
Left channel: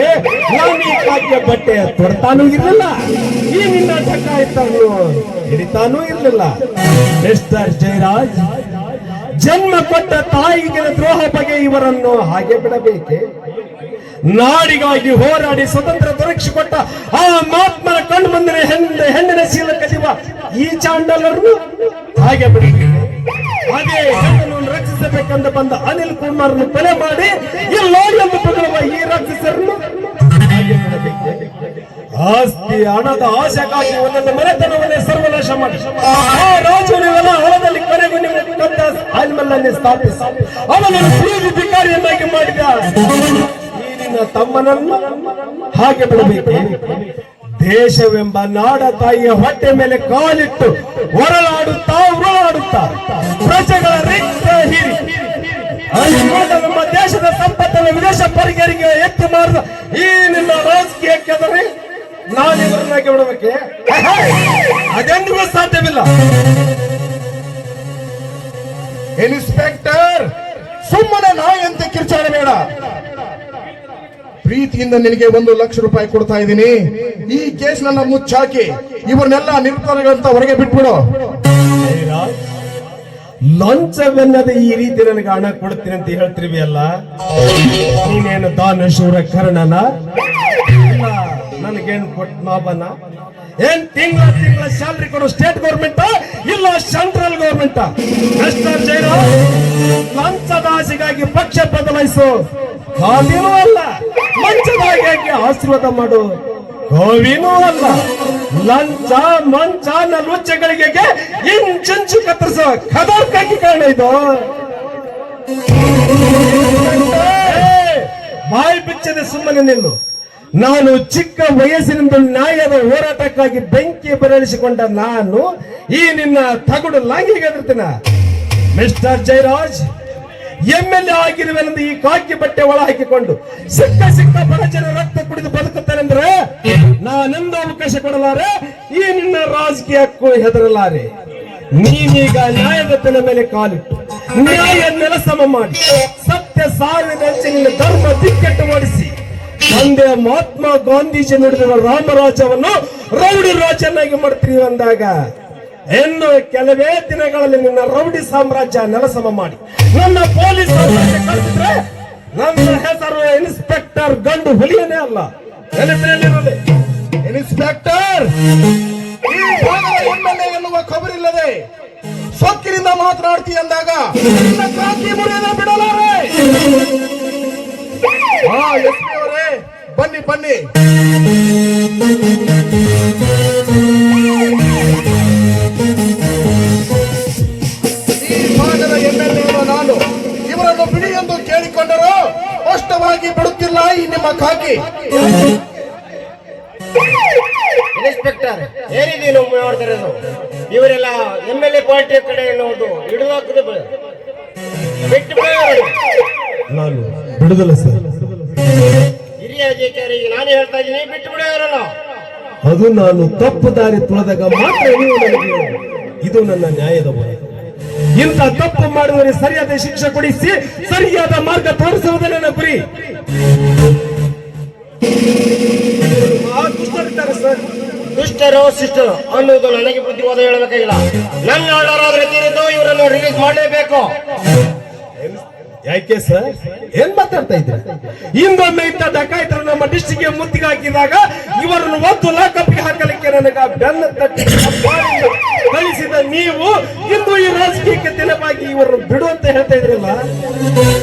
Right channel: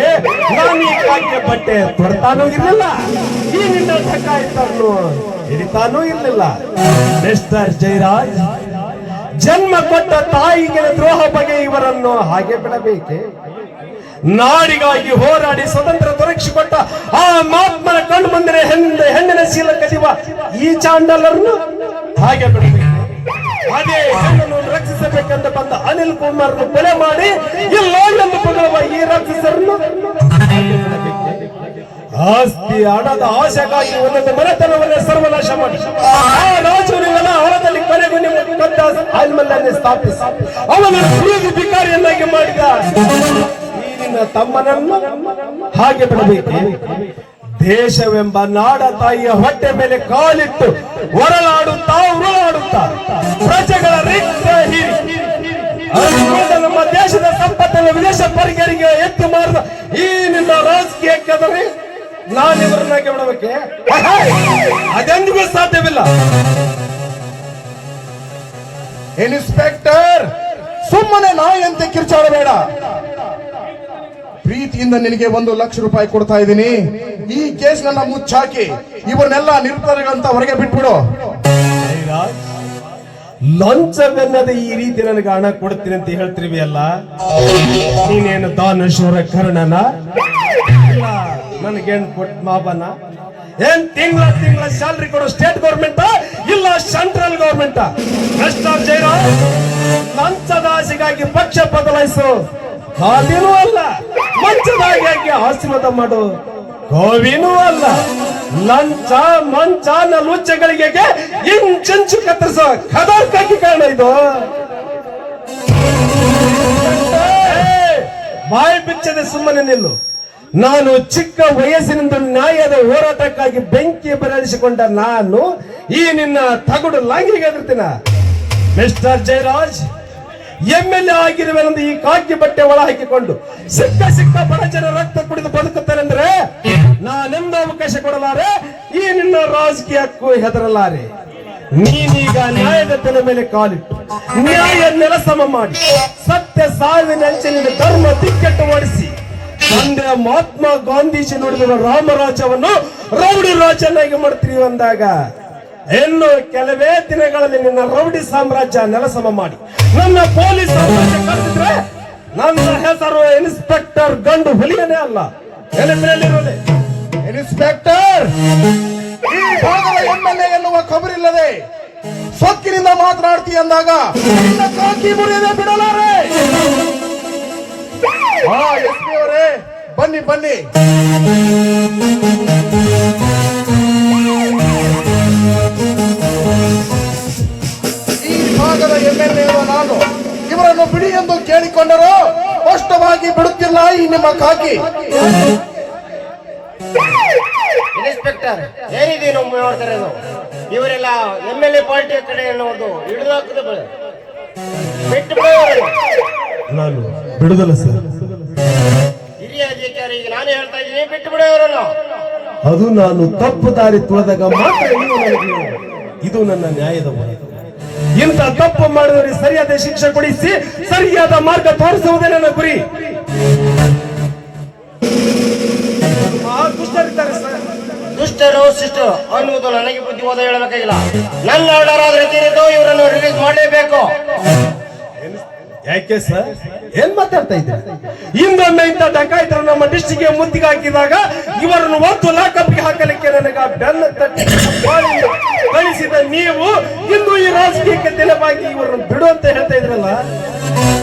ಬಟ್ಟೆ ತೊಡ್ತಾನೂ ಇರಲಿಲ್ಲ, ಈ ನಿನ್ನ ಟಕಾಯಿತನ್ನು ಹಿಡಿತಾನೂ ಇರಲಿಲ್ಲ. ಮಿಸ್ಟರ್ ಜಯರಾಜ್, ಜನ್ಮ ಕೊಟ್ಟ ತಾಯಿಗಳ ದ್ರೋಹ ಬಗ್ಗೆ ಇವರನ್ನು ಹಾಗೆ ಬಿಡಬೇಕೆ? ನಾಡಿಗಾಗಿ ಹೋರಾಡಿ ಸ್ವತಂತ್ರ ದೊರಕಿಸಿಕೊಟ್ಟ ಆ ಮಹಾತ್ಮನ ಕಣ್ಣು ಮುಂದೆ ಹೆಣ್ಣಿನ ಶೀಲ ಕಲಿಯುವ ಈ ಚಾಂಡಲರನ್ನು ಹಾಗೆ ಬಿಡಬೇಕು. ಅದೇ ಹೆಣ್ಣನ್ನು ರಕ್ಷಿಸಬೇಕೆಂದು ಬಂದ ಅನಿಲ್ ಕುಮಾರ್ನ ಕೊಲೆ ಮಾಡಿ ಇಲ್ಲೊಂದು ಬರುವ ಈ ರಾಕ್ಷಸರನ್ನು ಆಸ್ತಿ ಹಣದ ಆಶೆಗಾಗಿ ಒಂದೊಂದು ಮನೆತನವನ್ನೇ ಸರ್ವನಾಶ ಮಾಡಿ ಆ ರಾಜರುಗಳ ಹೊಲದಲ್ಲಿ ಕೊನೆಗೂ ಆಲ್ಮಲ್ಲನ್ನೇ ಸ್ಥಾಪಿಸಿ ಅವನನ್ನು ಭಿಕಾರಿಯನ್ನಾಗಿ ಮಾಡಿದ ಈ ನಿನ್ನ ತಮ್ಮನನ್ನು ಹಾಗೆ ಬಿಡಬೇಕು. ದೇಶವೆಂಬ ನಾಡ ತಾಯಿಯ ಹೊಟ್ಟೆ ಮೇಲೆ ಕಾಲಿಟ್ಟು ಹೊರಲಾಡುತ್ತಾ ಉರುಳಾಡುತ್ತಾ ಪ್ರಜೆಗಳ ರಿಕ್ತ ಹೀರಿ ನಮ್ಮ ದೇಶದ ಸಂಪತ್ತನ್ನು ವಿದೇಶ ಪರಿಗರಿಗೆ ಎತ್ತಿ ಮಾರಿದ ಈ ನಿನ್ನ ರಾಜಕೀಯ ಕೆದರಿ ನಾನಿವರನ್ನಾಗಿ ಬಿಡಬೇಕೆ? ಅದೆಂದಿಗೂ ಸಾಧ್ಯವಿಲ್ಲ. ಇನ್ಸ್ಪೆಕ್ಟರ್, ಸುಮ್ಮನೆ ನಾಯಂತೆ ಕಿರ್ಚಾಡಬೇಡ. ಪ್ರೀತಿಯಿಂದ ನಿನಗೆ 1 ಲಕ್ಷ ರೂಪಾಯಿ ಕೊಡ್ತಾ ಇದ್ದೀನಿ. ಈ ಕೇಸ್ನೆಲ್ಲ ಮುಚ್ಚಾಕಿ ಇವರನ್ನೆಲ್ಲ ನಿರ್ಧಾರಗಳಂತ ಹೊರಗೆ ಬಿಟ್ಬಿಡು. ಲಂಚವೆನ್ನದೆ ಈ ರೀತಿ ನನಗೆ ಹಣ ಕೊಡ್ತೀನಿ ಅಂತ ಹೇಳ್ತಿರ್ವಿ ಅಲ್ಲ, ನೀನೇನು ದಾನಶೂರ ಕರ್ಣನ? ನನಗೇನು ಕೊಟ್ಟು ಮಾಬನ್ನ? ಏನ್ ತಿಂಗಳ ಸ್ಯಾಲರಿ ಕೊಡೋ ಸ್ಟೇಟ್ ಗೌರ್ಮೆಂಟ್ ಇಲ್ಲ ಸೆಂಟ್ರಲ್ ಗೌರ್ಮೆಂಟ್? ಮಿಸ್ಟರ್ ಜಯರಾಜ್, ಲಂಚದ ಆಸೆಗಾಗಿ ಪಕ್ಷ ಬದಲಾಯಿಸು ಗೋವಿನೂ ಅಲ್ಲ, ಲಂಚದಾಗಿ ಆಶೀರ್ವಾದ ಮಾಡು ಗೋವಿನೂ ಅಲ್ಲ. ಲಂಚ ಮಂಚ ಲುಚ್ಚಗಳಿಗೆ ಇಂಚಂಚು ಕತ್ತರಿಸೋ ಖದರ್ಕಾಗಿ ಕಾರಣ ಇದು. ಬಾಯಿ ಬಿಚ್ಚದೆ ಸುಮ್ಮನೆ ನಿಲ್ಲು. ನಾನು ಚಿಕ್ಕ ವಯಸ್ಸಿನಿಂದ ನ್ಯಾಯದ ಹೋರಾಟಕ್ಕಾಗಿ ಬೆಂಕಿ ಬರಳಿಸಿಕೊಂಡ ನಾನು ಈ ನಿನ್ನ ತಗಡು ಲಾಂಗಿಗೆ ಎದುರ್ತೀನ? ಮಿಸ್ಟರ್ ಜಯರಾಜ್, MLA ಆಗಿರುವೆಂದು ಈ ಕಾಕಿ ಬಟ್ಟೆ ಒಳ ಹಾಕಿಕೊಂಡು ಸಿಕ್ಕ ಬಡ ಜನ ರಕ್ತ ಕುಡಿದು ಬದುಕುತ್ತಾರೆಂದ್ರೆ ನಾನೆಂದು ಅವಕಾಶ ಕೊಡಲಾರೆ, ಈ ನಿನ್ನ ರಾಜಕೀಯಕ್ಕೂ ಹೆದರಲಾರೆ. ನೀನೀಗ ನ್ಯಾಯದ ಬೆಲೆ ಮೇಲೆ ಕಾಲಿಟ್ಟು ನ್ಯಾಯ ನೆಲಸಮ ಮಾಡಿ ಸತ್ಯ ಸಾವಿನ ಧರ್ಮ ದಿಕ್ಕೆಟ್ಟು ಮಾಡಿಸಿ ತಂದೆ ಮಹಾತ್ಮ ಗಾಂಧೀಜಿ ನುಡಿದ ರಾಮರಾಜ್ಯವನ್ನು ರೌಡಿ ರಾಜನಾಗಿ ಮಾಡ್ತೀವಿ ಅಂದಾಗ ಇನ್ನು ಕೆಲವೇ ದಿನಗಳಲ್ಲಿ ನಿನ್ನ ರೌಡಿ ಸಾಮ್ರಾಜ್ಯ ನೆಲಸಮ ಮಾಡಿ ನನ್ನ ಪೊಲೀಸ್ ಕಳಿಸಿದ್ರೆ ನನ್ನ ಹೆಸರು ಇನ್ಸ್ಪೆಕ್ಟರ್ ಗಂಡು ಹುಲಿಯನೇ ಅಲ್ಲ. ಇನ್ಸ್ಪೆಕ್ಟರ್, ಈ ಭಾಗದ MLA ಎನ್ನುವ ಖಬರಿಲ್ಲದೆ ಸೊಕ್ಕಿನಿಂದ ಮಾತನಾಡ್ತೀಯ ಅಂದಾಗ ಕಾಕಿ ಮುರಿಯದೆ ಬಿಡಲಾರೆ. SP ಅವರೇ, ಬನ್ನಿ ಬನ್ನಿ. ಈ ಭಾಗದ MLA ನಾನು ಇವರನ್ನು ಬಿಡಿ ಎಂದು ಕೇಳಿಕೊಂಡರು ಸ್ಪಷ್ಟವಾಗಿ ಬಿಡುತ್ತಿಲ್ಲ ಈ ನಿಮ್ಮ ಕಾಕಿ. ಇನ್ಸ್ಪೆಕ್ಟರ್, ಏನಿದೆ ನಾವು ಮಾಡ್ತಿರೋದು? ಇವರೆಲ್ಲ MLA ಪಾರ್ಟಿಯ ಕಡೆ ಎನ್ನುವುದು ಹಿಡಿದಾಕದ ಬಿಟ್ಟು ನಾನು ಬಿಡುದಲ್ಲ ಸರ್. ಹಿರಿಯ ಅಧಿಕಾರಿಗೆ ನಾನು ಹೇಳ್ತಾ ಇದ್ದೀನಿ, ಬಿಟ್ಟು ಬಿಡೋರಲ್ಲ. ಅದು ನಾನು ತಪ್ಪು ದಾರಿ ತುಳಿದಾಗ ಮಾತ್ರ ಇದು ನನ್ನ ನ್ಯಾಯದ ಹೊಣೆ. ಇಂಥ ತಪ್ಪು ಮಾಡಿದವರಿಗೆ ಸರಿಯಾದ ಶಿಕ್ಷೆ ಕೊಡಿಸಿ ಸರಿಯಾದ ಮಾರ್ಗ ತೋರಿಸುವುದೇ ನನ್ನ ಗುರಿ. ದುಷ್ಟರಿದ್ದಾರೆ ಸರ್. ದುಷ್ಟರು ಶಿಷ್ಟರು ಅನ್ನೋದು ನನಗೆ ಬುದ್ಧಿವಾದ ಹೇಳಬೇಕಾಗಿಲ್ಲ. ನನ್ನ ಆರ್ಡರ್ ಆದ್ರೆ ಇವರನ್ನು ರಿಲೀಸ್ ಮಾಡಲೇಬೇಕು. ಯಾಕೆ ಸರ್ ಏನ್ ಮಾತಾಡ್ತಾ ಇದ್ದಾರೆ? ಹಿಂದೊಮ್ಮೆ ಇಂಥ ಡಕಾಯಿತರು ನಮ್ಮ ಡಿಸ್ಟಿಕ್ಗೆ ಮುತ್ತಿಗೆ ಹಾಕಿದಾಗ ಇವರನ್ನು ಒತ್ತು ಲಾಕಪ್ಪಿಗೆ ಹಾಕಲಿಕ್ಕೆ ನನಗೆ ಬೆನ್ನ ತಟ್ಟಿ ಕಳಿಸಿದ ನೀವು ಇಂದು ಈ ರಾಜಕೀಯಕ್ಕೆ ತೆಲವಾಗಿ ಇವರನ್ನು ಬಿಡು ಅಂತ ಹೇಳ್ತಾ ಇದ್ರಲ್ಲ,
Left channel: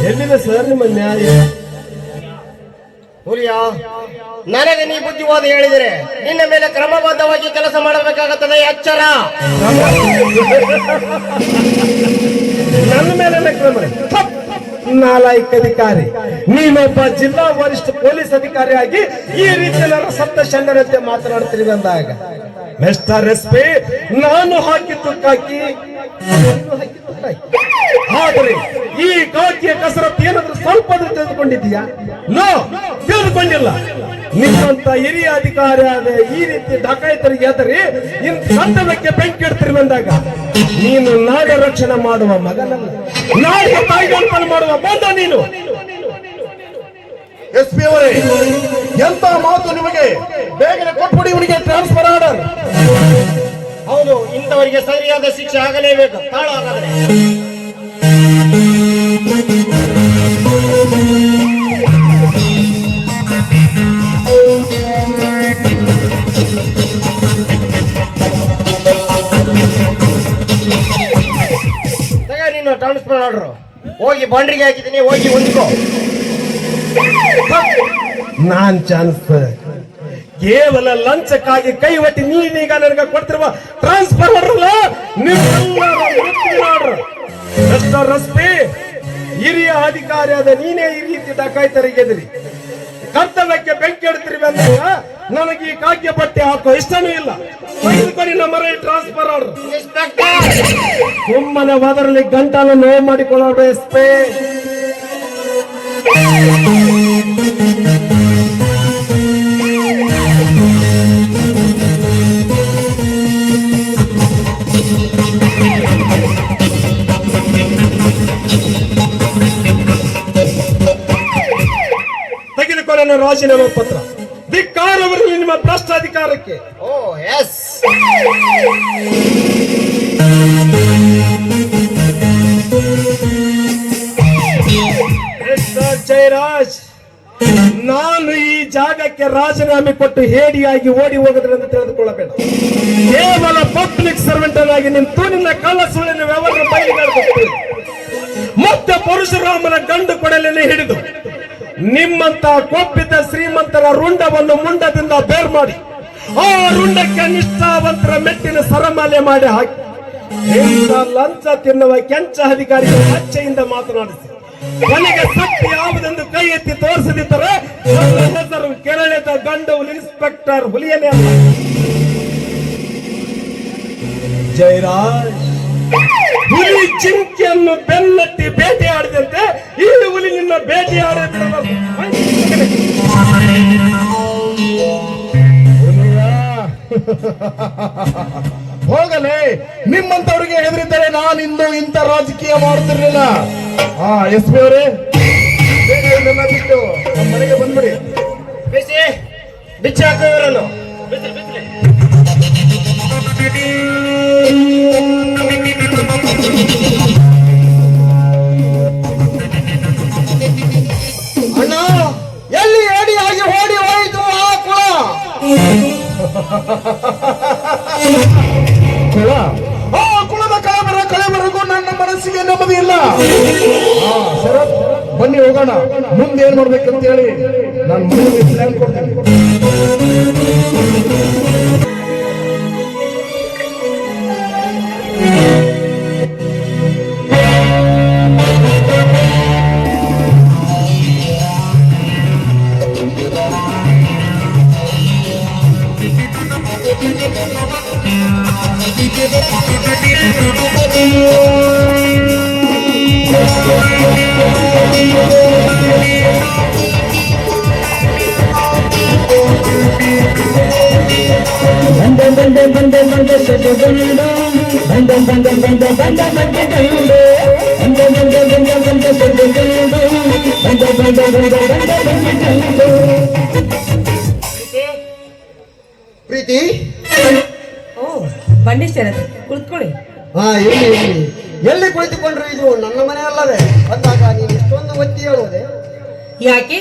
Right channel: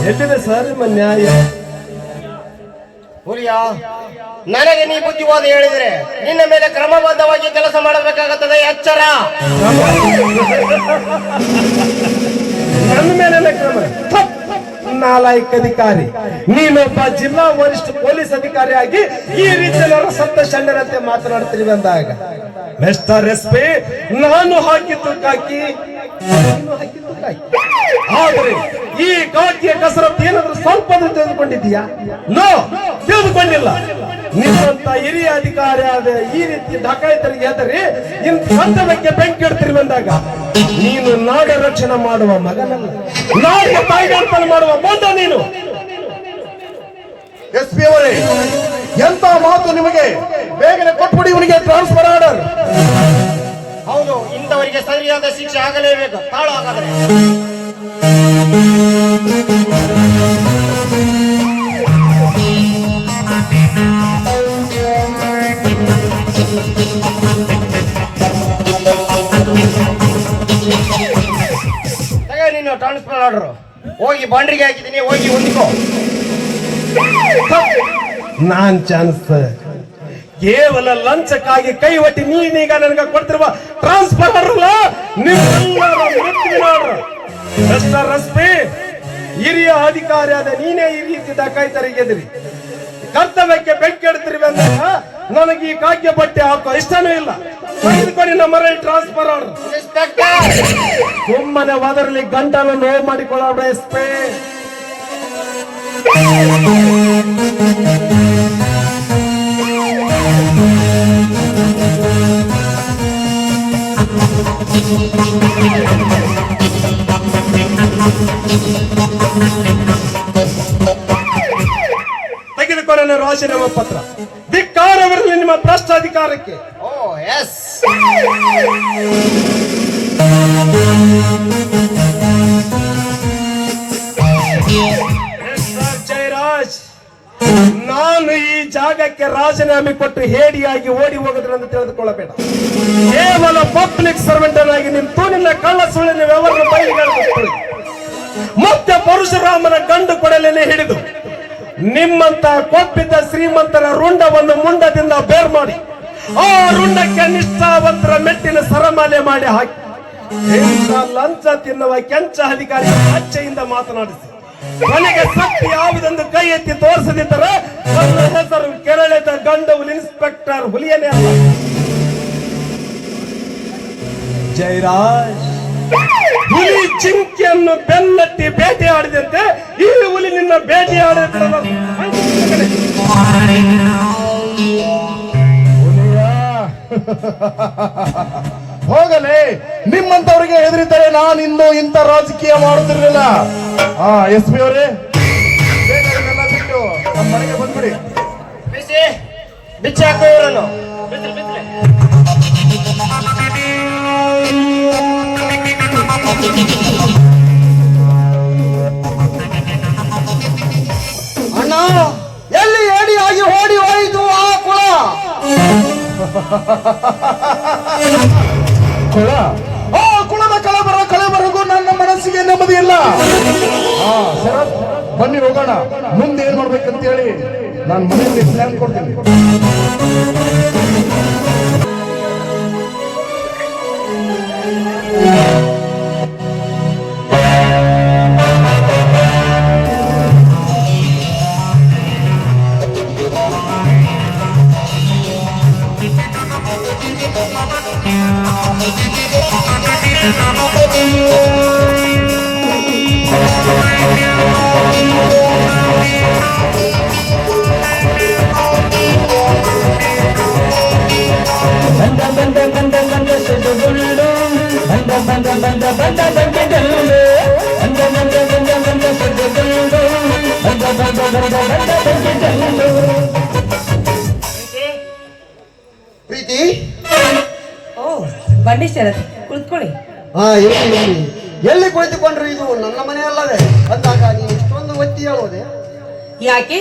ಎಲ್ಲಿದೆ ಸರ್ ನಿಮ್ಮ ನ್ಯಾಯ? ಹುಲಿಯ ನನಗೆ ನೀ ಬುದ್ಧಿವಾದ ಹೇಳಿದರೆ ನಿನ್ನ ಮೇಲೆ ಕ್ರಮಬದ್ಧವಾಗಿ ಕೆಲಸ ಮಾಡಬೇಕಾಗುತ್ತದೆ, ಎಚ್ಚರ. ನನ್ನ ಮೇಲೆ ಕ್ರಮ? ನಾಲಾಯಕ ಅಧಿಕಾರಿ, ನೀನೊಬ್ಬ ಜಿಲ್ಲಾ ವರಿಷ್ಠ ಪೊಲೀಸ್ ಅಧಿಕಾರಿಯಾಗಿ ಈ ರೀತಿಯ ಸತ್ತ ಶಣ್ಯರಂತೆ ಮಾತನಾಡ್ತೀರಿ ಅಂದಾಗ ಮಿಸ್ಟರ್ ಎಸ್.ಪಿ. ನಾನು ಹಾಕಿದ್ದು ಕಾಕಿ, ಆದರೆ ಈ ಕಾಕಿಯ ಕಸರತ್ತು ಏನಾದ್ರೂ ಸ್ವಲ್ಪ ತಿಳಿದುಕೊಂಡಿದ್ದೀಯಾ? ನೋ, ತಿಳಿದುಕೊಂಡಿಲ್ಲ. ನಿಮ್ಮಂತ ಹಿರಿಯ ಅಧಿಕಾರಿ ಆದ ಈ ರೀತಿ ಡಕಾಯಿತರಿಗೆ ಹೆದರಿ ಇನ್ನು ಕರ್ತವ್ಯಕ್ಕೆ ಬೆಂಕಿ ಇಡ್ತಿರುವಂದಾಗ ನೀನು ನಾಡ ರಕ್ಷಣೆ ಮಾಡುವ ಮಗನಲ್ಲ, ನಾಡಿಗೆ ತಾಯಿಗಾರ್ಪಣೆ ಮಾಡುವ ಬಂದ ನೀನು. ಎಸ್.ಪಿ. ಅವರೇ, ಎಂತ ಮಾತು ನಿಮಗೆ? ಬೇಗನೆ ಕೊಟ್ಬಿಡಿ ಇವನಿಗೆ ಟ್ರಾನ್ಸ್ಫರ್ ಆರ್ಡರ್. ಹೌದು, ಇಂಥವರಿಗೆ ಸರಿಯಾದ ಶಿಕ್ಷೆ ಆಗಲೇಬೇಕು. ತಾಳು ಹಾಗಾದರೆ. ನೀನು ಟ್ರಾನ್ಸ್ಫರ್ ಆರ್ಡರ್ ಹೋಗಿ ಬಾಂಡ್ರಿಗೆ ಹಾಕಿದ್ದೀನಿ, ಹೋಗಿ ಹೊಂದಿಕೋ. ನಾನ್ ಚಾನ್ಸ್ ಕೇವಲ ಲಂಚಕ್ಕಾಗಿ ಕೈ ಒಟ್ಟಿ ನೀನೀಗ ನನಗೆ ಕೊಡ್ತಿರುವ ಟ್ರಾನ್ಸ್ಫರ್ ಅಲ್ಲ, ಮಿಸ್ಟರ್ ಎಸ್.ಪಿ. ಹಿರಿಯ ಅಧಿಕಾರಿಯಾದ ನೀನೇ ಈ ರೀತಿ ಡಕಾಯಿತರಿಗೆ ಎದುರಿ ಕರ್ತವ್ಯಕ್ಕೆ ಬೆಂಕಿ ಇಡ್ತಿರುವೆ ಅಂದಾಗ ನನಗೆ ಈ ಕಾಗ್ಯ ಬಟ್ಟೆ ಹಾಕೋ ಇಷ್ಟನೂ ಇಲ್ಲ. ನಮ್ಮ ಟ್ರಾನ್ಸ್ಫರ್ ಆರ್ಡರ್. ಸುಮ್ಮನೆ ಹೋದರಲ್ಲಿ ಗಂಟನ್ನು ನೋವು ಮಾಡಿಕೊಳ್ಳೋದು ಎಸ್.ಪಿ. ತೆಗೆದುಕೊಳ್ಳ ರಾಜೀನಾಮೆ ಪತ್ರ. ಧಿಕ್ಕಾರವಿರಲಿ ನಿಮ್ಮ ಭ್ರಷ್ಟ ಅಧಿಕಾರಕ್ಕೆ. ಓ ಎಸ್. ಜಯರಾಜ್, ನಾನು ಈ ಜಾಗಕ್ಕೆ ರಾಜೀನಾಮೆ ಕೊಟ್ಟು ಹೇಡಿಯಾಗಿ ಓಡಿ ಹೋಗೋದ್ರಂತ ತಿಳಿದುಕೊಳ್ಳಬೇಡ. ಕೇವಲ ಪಬ್ಲಿಕ್ ಸರ್ವೆಂಟ್ ಆಗಿ ನಿಂತು ನಿನ್ನ ಕಳ್ಳ ಸುಳ್ಳಿನ ವ್ಯವಹಾರ ಬಯಲಿಗೆ ಮತ್ತೆ ಪರಶುರಾಮನ ಗಂಡು ಕೊಡಲನ್ನು ಹಿಡಿದು ನಿಮ್ಮಂತ ಕೊಪ್ಪಿದ್ದ ಶ್ರೀಮಂತರ ರುಂಡವನ್ನು ಮುಂಡದಿಂದ ಬೇರ್ ಮಾಡಿ ಆ ರುಂಡಕ್ಕೆ ನಿಷ್ಠಾವಂತರ ಮೆಟ್ಟಿನ ಸರಮಾಲೆ ಮಾಡಿ ಹಾಕಿ ಲಂಚ ತಿನ್ನುವ ಕೆಂಚ ಅಧಿಕಾರಿ ಲಜ್ಜೆಯಿಂದ ಮಾತನಾಡಿಸಿ ಕೊನೆಗೆ ಸತ್ಯ ಯಾವುದೊಂದು ಕೈ ಎತ್ತಿ ತೋರಿಸದಿದ್ದರೆ ಹೆಸರು ಕೆರಳಿದ ಗಂಡು ಇನ್ಸ್ಪೆಕ್ಟರ್ ಹುಲಿಯನೇ. ಜಯರಾಜ್, ಹುಲಿ ಚಿಂಕಿಯನ್ನು ಬೆನ್ನಟ್ಟಿ ಬೇಟೆಯಾಡಿದಂತೆ ಈ ಹುಲಿ ನಿನ್ನ ಬೇಟೆಯಾಡ ಹೋಗಲಿ. ನಿಮ್ಮಂತವರಿಗೆ ಹೆದರಿದ್ದರೆ ನಾನು ಇನ್ನೂ ಇಂಥ ರಾಜಕೀಯ ಮಾಡುತ್ತಿರಲಿಲ್ಲ. ಎಸ್.ಪಿ. ಅವರೇ, ಬಿಟ್ಟು ನಮ್ಮ ಮನೆಗೆ ಬಂದ್ಬಿಡಿ. ಬಿಸಿ ಬಿಚ್ಚಿ ಹಾಕೋ ಇವರನ್ನು. ಅಣ್ಣ, ಎಲ್ಲಿ ಏಡಿಯಾಗಿ ಓಡಿ ಹೋಯಿತು ಆ ಕುಳ? ಆ ಕುಲದ ಕಳೆಬರಗೂ ನನ್ನ ಮನಸ್ಸಿಗೆ ನೆಮ್ಮದಿ ಇಲ್ಲ. ಸರ್, ಬನ್ನಿ ಹೋಗೋಣ. ಮುಂದೆ ಏನ್ ಮಾಡ್ಬೇಕಂತ ಹೇಳಿ ನಾನು ಮುಂದೆ ಪ್ಲಾನ್ ಕೊಡ್ತೇನೆ. ಪ್ರೀತಿ, ಓ ಬಂಡಿ ಶರತ್, ಕುಳಿತುಕೊಳ್ಳಿ. ಎಲ್ಲಿ ಕುಳಿತುಕೊಂಡ್ರು? ಇದು ನನ್ನ ಮನೆ ಅಲ್ಲವೇ? ಅಂದಾಗ ನೀನು ಇಷ್ಟು ಯಾಕೆ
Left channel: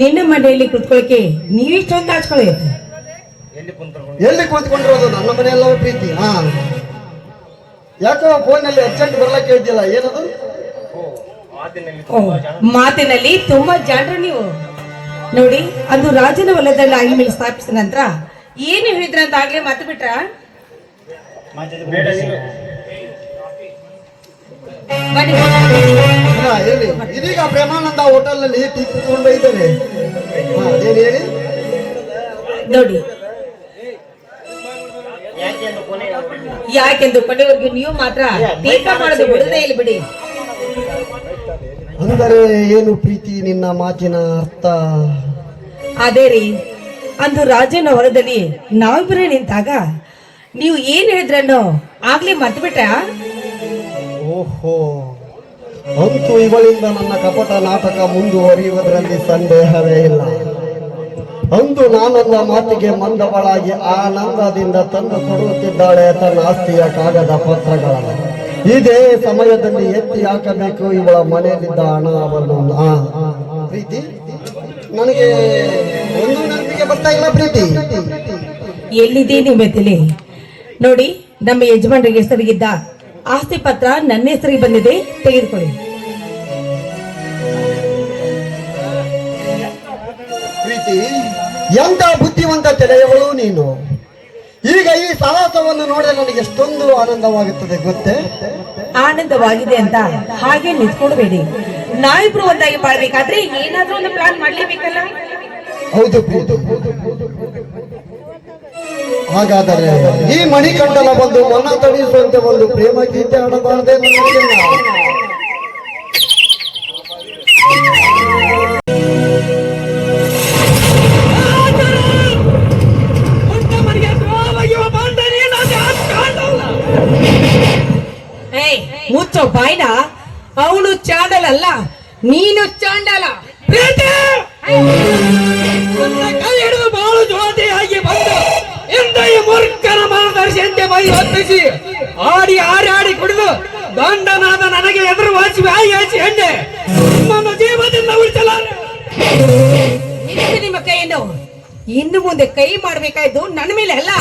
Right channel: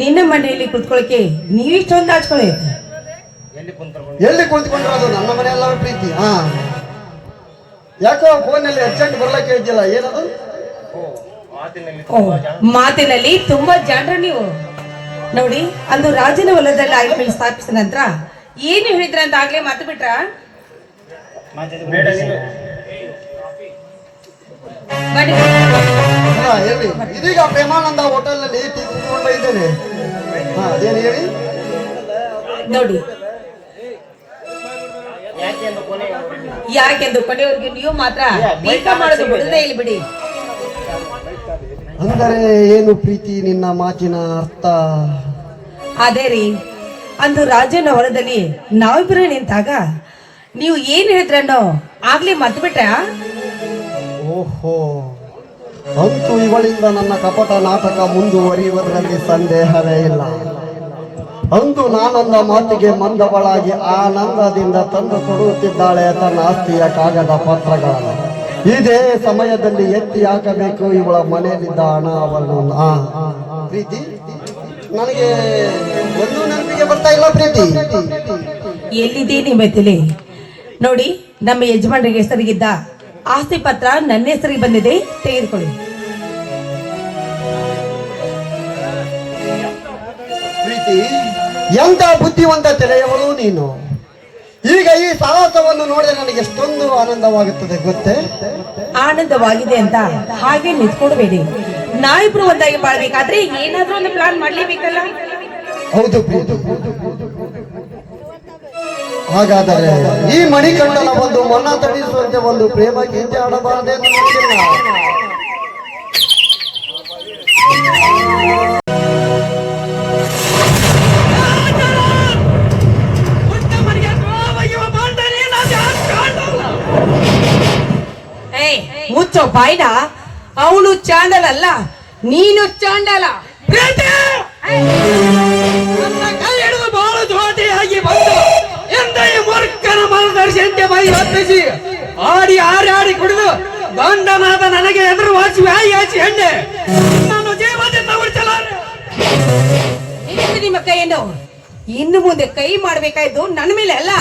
ನಿನ್ನ ಮನೆಯಲ್ಲಿ ಕುತ್ಕೊಳಕ್ಕೆ ನೀವಿಷ್ಟೊಂದು ಹಾಚ್ಕೊಳ್ಳಿ. ಎಲ್ಲಿ ಕುಳಿತುಕೊಂಡಿರೋದು? ನನ್ನ ಮನೆಯಲ್ಲ ಪ್ರೀತಿ. ಹಾ, ಯಾಕೋ ಫೋನಲ್ಲಿ ಅರ್ಜೆಂಟ್ ಬರ್ಲಕ್ಕೆ ಇದ್ದಿಲ್ಲ. ಏನದು? ಮಾತಿನಲ್ಲಿ ತುಂಬಾ ಜಾಣರು ನೀವು. ನೋಡಿ, ಅಂದು ರಾಜನ ಹೊಲದಲ್ಲಿ ಆಗಿನ ಮೇಲೆ ಸ್ಥಾಪಿಸಿದ ನಂತರ ಏನು ಹೇಳಿದ್ರ ಅಂತ ಆಗ್ಲೇ ಮಾತು ಬಿಟ್ರ? ಹೇಳಿ. ಇದೀಗ ಪ್ರೇಮಾನಂದ ಹೋಟೆಲ್ ನಲ್ಲಿ ಟೀ ಕುತ್ಕೊಂಡು ಇದ್ದೇನೆ. ಹಾ, ಅದೇನು ಹೇಳಿ. ನೋಡಿ, ಯಾಕೆಂದು ಕೊನೆವರೆಗೂ ನೀವು ಮಾತ್ರ ಟೀಕಾ ಮಾಡೋದು ಬಿಡದೇ ಇಲ್ಲಿ ಬಿಡಿ. ಅಂದರೆ ಏನು ಪ್ರೀತಿ, ನಿನ್ನ ಮಾತಿನ ಅರ್ಥ? ಅದೇ ರೀ, ಅಂದು ರಾಜನ ಹೊಲದಲ್ಲಿ ನಾವಿಬ್ಬರೇ ನಿಂತಾಗ ನೀವು ಏನ್ ಹೇಳಿದ್ರನ್ನೋ ಆಗ್ಲೇ ಮರ್ತು ಬಿಟ್ರ? ಓಹೋ, ಅಂತೂ ಇವಳಿಂದ ನನ್ನ ಕಪಟ ನಾಟಕ ಮುಂದುವರಿಯುವುದರಲ್ಲಿ ಸಂದೇಹವೇ ಇಲ್ಲ. ಅಂದು ನಾನನ್ನ ಮಾತಿಗೆ ಮಂದವಳಾಗಿ ಆನಂದದಿಂದ ತಂದು ಕೊಡುತ್ತಿದ್ದಾಳೆ ತನ್ನ ಆಸ್ತಿಯ ಕಾಗದ ಪತ್ರಗಳನ್ನು. ಇದೇ ಸಮಯದಲ್ಲಿ ಎತ್ತಿ ಹಾಕಬೇಕು ಇವಳ ಮನೆಯಲ್ಲಿದ್ದ ಹಣ ಅವಳನ್ನು. ಪ್ರೀತಿ, ನನಗೆ ಒಂದು ನೆನಪಿಗೆ ಬರ್ತಾ ಇಲ್ಲ ಪ್ರೀತಿ. ಎಲ್ಲಿದೆ ನಿಮ್ಮ ತಲೆ? ನೋಡಿ, ನಮ್ಮ ಯಜಮಾನರಿಗೆ ಹೆಸರಿಗಿದ್ದ ಆಸ್ತಿ ಪತ್ರ ನನ್ನ ಹೆಸರಿಗೆ ಬಂದಿದೆ, ತೆಗೆದುಕೊಳ್ಳಿ. ಪ್ರೀತಿ, ಎಂತ ಬುದ್ಧಿವಂತ ತೆರೆಯವಳು ನೀನು. ಈಗ ಈ ಸಾಹಸವನ್ನು ನೋಡಿದ್ರೆ ನನಗೆ ಎಷ್ಟೊಂದು ಆನಂದವಾಗುತ್ತದೆ ಗೊತ್ತೇ? ಆನಂದವಾಗಿದೆ ಅಂತ ಹಾಗೆ ನಿಂತ್ಕೊಳ್ಬೇಡಿ. ನಾವಿಬ್ರು ಒಂದಾಗಿ ಬಾಳ್ಬೇಕಾದ್ರೆ ಏನಾದ್ರೂ ಒಂದು ಪ್ಲಾನ್ ಮಾಡ್ಲೇಬೇಕಲ್ಲ. ಹೌದು ಪ್ರೀತಿ. ಹಾಗಾದರೆ ಈ ಮಣಿಕಂಡನ ಒಂದು ಮನ ತಣಿಸುವಂತೆ ಒಂದು ಪ್ರೇಮ ಗೀತೆ ಆಡಬಾರದೆ? ಮುಚ್ಚೋ ಬಾಯ್ನ. ಅವನು ಚಾಂಡಲ್ ಅಲ್ಲ, ನೀನು ಚಾಂಡಲ. ಕೈ ಹಿಡಿದು ಬಹಳ ಜೋತಿಯಾಗಿ ಬಂದು ಎಂದೈ ಮೂರ್ಖನ ಮಾರ್ಗದರ್ಶಿಯಂತೆ ಬೈ ಹೊತ್ತಿಸಿ ಆಡಿ ಆಡಿ ಕುಡಿದು ದಂಡನಾದ ನನಗೆ ಎದುರು ವಾಸಿ ವ್ಯಾಯಿ ಹೆಣ್ಣೆ ನನ್ನ ಜೀವದಿಂದ ಉಳಿಸಲಾರೆ. ಇದಕ್ಕೆ ನಿಮ್ಮ ಕೈಯನ್ನು ಇನ್ನು ಮುಂದೆ ಕೈ ಮಾಡ್ಬೇಕಾಯ್ತು ನನ್ನ ಮೇಲೆ ಅಲ್ಲ,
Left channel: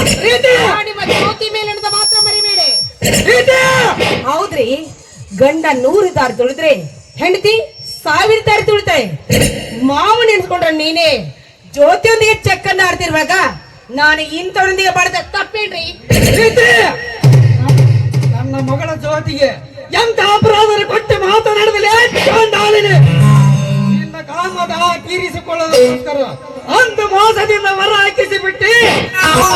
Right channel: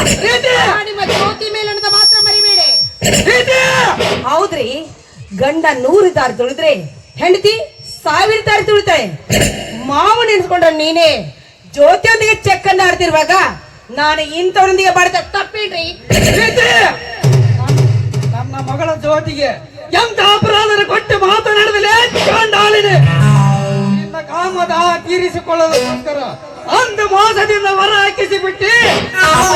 ನಿಮ್ಮ ಜ್ಯೋತಿ ಮೇಲೆ ಅಂತ ಮಾತ್ರ ಮರಿಬೇಡಿ. ಹೌದ್ರಿ, ಗಂಡ 100 ದಾರಿ ತುಳಿದ್ರೆ ಹೆಂಡತಿ 1000 ದಾರಿ ತುಳಿತಾಳೆ. ಮಾವು ನೆನ್ಸ್ಕೊಂಡ್ರೆ ನೀನೇ ಜ್ಯೋತಿಯೊಂದಿಗೆ ಚೆಕ್ ಅನ್ನ ಆಡ್ತಿರುವಾಗ ನಾನು ಇಂಥವರೊಂದಿಗೆ ಬಡದ ತಪ್ಪೇನ್ರಿ? ನನ್ನ ಮಗಳ ಜ್ಯೋತಿಗೆ ಎಂತ ಅಪರಾಧ ಕೊಟ್ಟು ಮಾತನಾಡದಲೇ ಚಾಂಡಾಲಿದೆ. ನಿನ್ನ ಕಾಮದ ತೀರಿಸಿಕೊಳ್ಳೋದಕ್ಕೋಸ್ಕರ ಅಂದ ಮೋಸದಿಂದ ಹೊರ ಹಾಕಿಸಿ ಬಿಟ್ಟು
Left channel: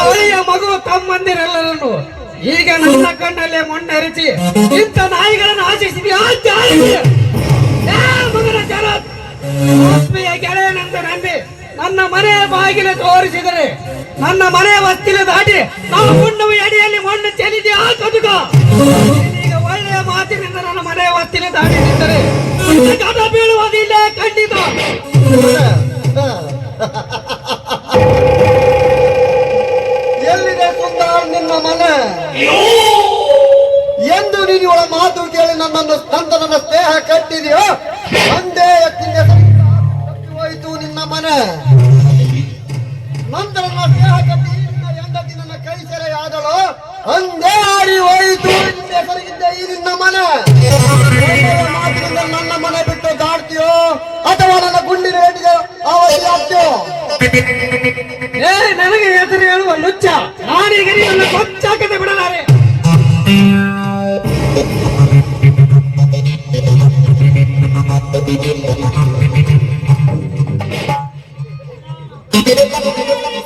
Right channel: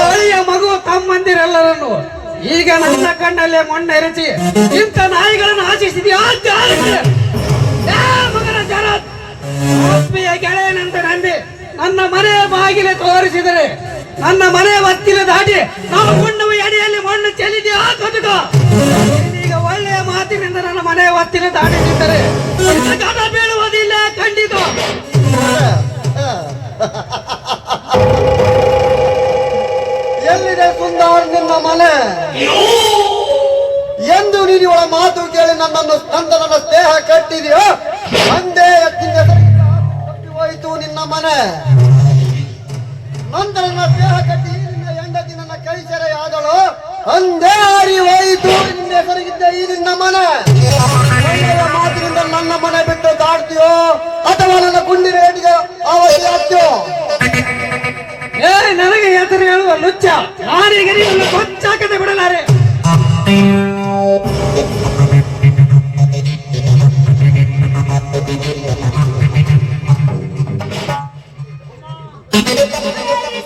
ಒಳ್ಳೆಯ ಮಗು ತಮ್ಮಂದಿರೆಲ್ಲರನ್ನು ಈಗ ನನ್ನ ಕಣ್ಣಲ್ಲೇ ಮಣ್ಣೆರಚಿ ಇಂಥ ನಾಯಿಗಳನ್ನು ಆಶಿಸಿದೆಯಾ? ಗೆಳೆಯನಂತೆ ನಂಬಿ ನನ್ನ ಮನೆ ಬಾಗಿಲು ತೋರಿಸಿದರೆ ನನ್ನ ಮನೆ ಹೊತ್ತಿಲು ದಾಟಿ ನಾವು ಉಣ್ಣುವ ಎಡೆಯಲ್ಲಿ ಮಣ್ಣು ಚೆಲ್ಲಿದೆಯಾ? ಕದುಗ ಈಗ ಒಳ್ಳೆಯ ಮಾತಿನಿಂದ ನನ್ನ ಮನೆ ಹೊತ್ತಿಲು ದಾಟಿ ನಿಂತರೆ ಗಡ ಬೀಳುವುದಿಲ್ಲ ಖಂಡಿತ. ಎಲ್ಲಿದೆ ಸುಂದರ್ ನಿನ್ನ ಮನೆ ಎಂದು ನೀನು ಇವಳ ಮಾತು ಕೇಳಿ ನನ್ನ ಸ್ನೇಹ ಕಟ್ಟಿದೆಯೋ ಒಂದೇ ಎತ್ತಿಗೆ ಹೋಯಿತು ನಿನ್ನ ಮನೆ. ನಂತರ ನನ್ನ ಸ್ನೇಹ ಕಟ್ಟಿ ನಿನ್ನ ಹೆಂಡತಿ ನನ್ನ ಕೈ ಸೆರೆಯಾದಳು ಒಂದೇ ಆಡಿ ಹೋಯಿತು ನಿನ್ನ ಹೆಸರಿಗಿದ್ದ ಈ ನಿನ್ನ ಮನೆ. ಮಾತಿನಿಂದ ನನ್ನ ಮನೆ ಬಿಟ್ಟು ದಾಡ್ತೀಯೋ ಅಥವಾ ನನ್ನ ಗುಂಡಿನ ಹಿಡಿದ ಅವಧಿ ಆಗ್ತೀಯೋ? ನನಗೆ ಹೆಸರು ಹೇಳುವ ಲುಚ್ಚ ನಾನೀಗ ನನ್ನ ಕೊಚ್ಚಾಕತೆ ಬಿಡಲಾರೆ.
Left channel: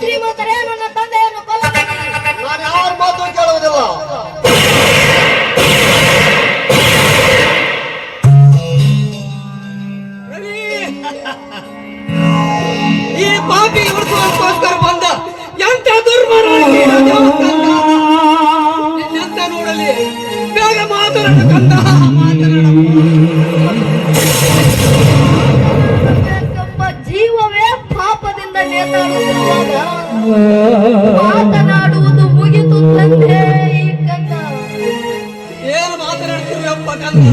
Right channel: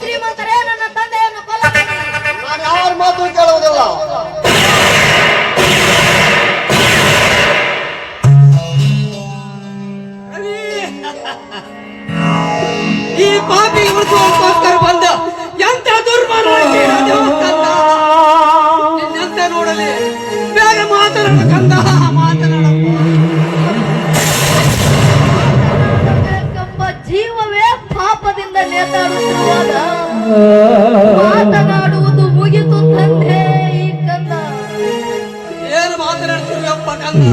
ಶ್ರೀಮಂತರೇ, ನನ್ನ ತಂದೆಯನ್ನು ನಾನು ಯಾರ ಮಾತು ಕೇಳುವುದಿಲ್ಲ. ಈ ಪಾಪಿ ಮೃತ್ಯುಗೋಸ್ಕರ ಬಂದ ಎಂತ ದುರ್ಮರ ಎಂತ ನೋಡಲಿ. ಬೇಗ ಮಾತನಾಡು ಕಂದ, ಜೀವವೇ ಪಾಪದಿಂದ ನೇತಾಡುತ್ತಿರುವಾಗ ಮಾತನಾಡುವುದು ಮುಗಿತು ತಂದೆ. ಈ ಕಂದ ಏನು ಮಾತನಾಡ್ತೀವಿ ಅಪ್ಪ ಕಂದ?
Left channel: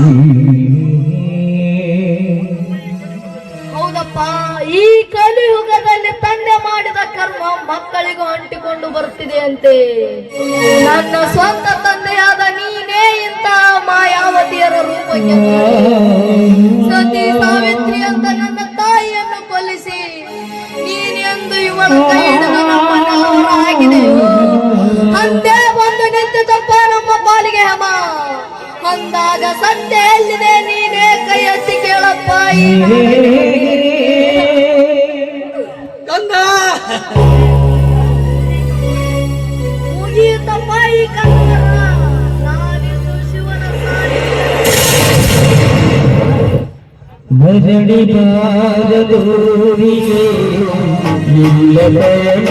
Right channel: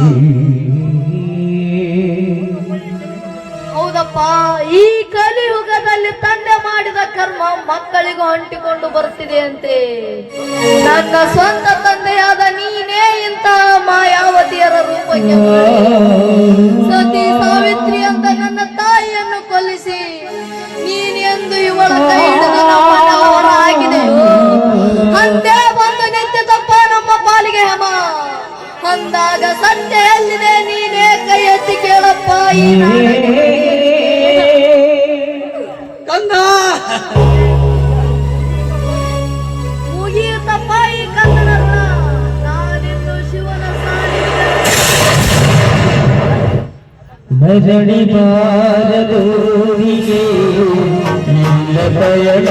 ಹೌದಪ್ಪ, ನೋಡಪ್ಪ, ಈ ಕಲಿಯುಗದಲ್ಲಿ ತಂದೆ ಮಾಡಿದ ಕರ್ಮ ಮಕ್ಕಳಿಗೂ ಅಂಟಿಕೊಂಡು ಬರ್ತಿದೆ ಅಂತೆ. ನನ್ನ ಸ್ವಂತ ತಂದೆಯಾದ ನೀನೇ ಇಂತಹ ಮಾಯಾವತಿಯರ ರೂಪಕ್ಕೆ ಸತಿ ಸಾವಿತ್ರಿ ಅಂತ ನನ್ನ ತಾಯಿಯನ್ನು ಕೊಲ್ಲಿಸಿ ನೀನೆಂದು ಇವಳ ಕೈ ಹಿಡಿದು ನಮ್ಮನ್ನ ಹೊರಹಾಕಿದೆ. ಅಂದೇ ಬಂದು ನಿಂತಿತಪ್ಪ ನಮ್ಮ ಪಾಲಿಗೆ ಹಮ. ಅಂದಾಗ ಸತ್ಯ ಎಲ್ಲಿದೆ ನೀನೇ ಕೈ ಎತ್ತಿ ಕೇಳಪ್ಪ. ಈ ಕಂದ ಮುಗಿಯುತ್ತಪ್ಪ ಈ ಕನ್ನಡ ಋಣ. ನಾನಿನ್ನು ಶಿವನ ಭಜನಿ ಬಾರದೋರಿಗೆ ಇಲ್ಲ ಪಯಣ,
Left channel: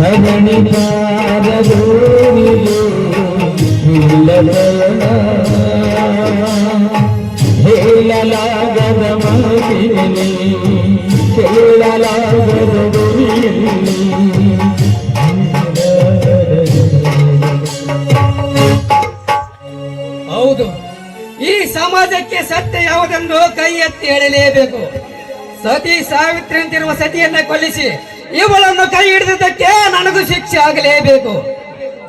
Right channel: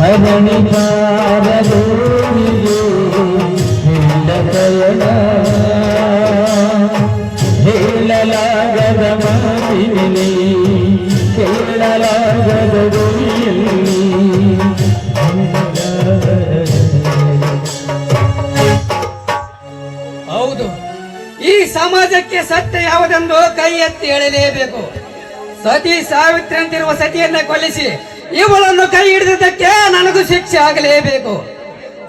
ಭಜನಿ ಬಾರದೋರಿಗೆ ಇಲ್ಲ ಪಯಣ, ಹೇಳಲಾಗದ ಮಾತಿನಲ್ಲಿ ಕೇಳಲಾಗದ ಧ್ವನಿಯಲ್ಲಿ. ಹೌದು, ಈ ಸಮಾಜಕ್ಕೆ ಸತ್ಯ ಯಾವುದನ್ನು ಕೈ ಎತ್ತಿ ಹೇಳಲೇಬೇಕು. ಸತಿ ಸಾವಿತ್ರಿ ಅಂತಿರುವ ಸತಿಯನ್ನ ಕೊಲ್ಲಿಸಿ ಇವಳನ್ನು ಕೈ ಹಿಡಿದಕ್ಕೆ ನನಗೂ ಶಿಕ್ಷೆ ಆಗಲೇಬೇಕು.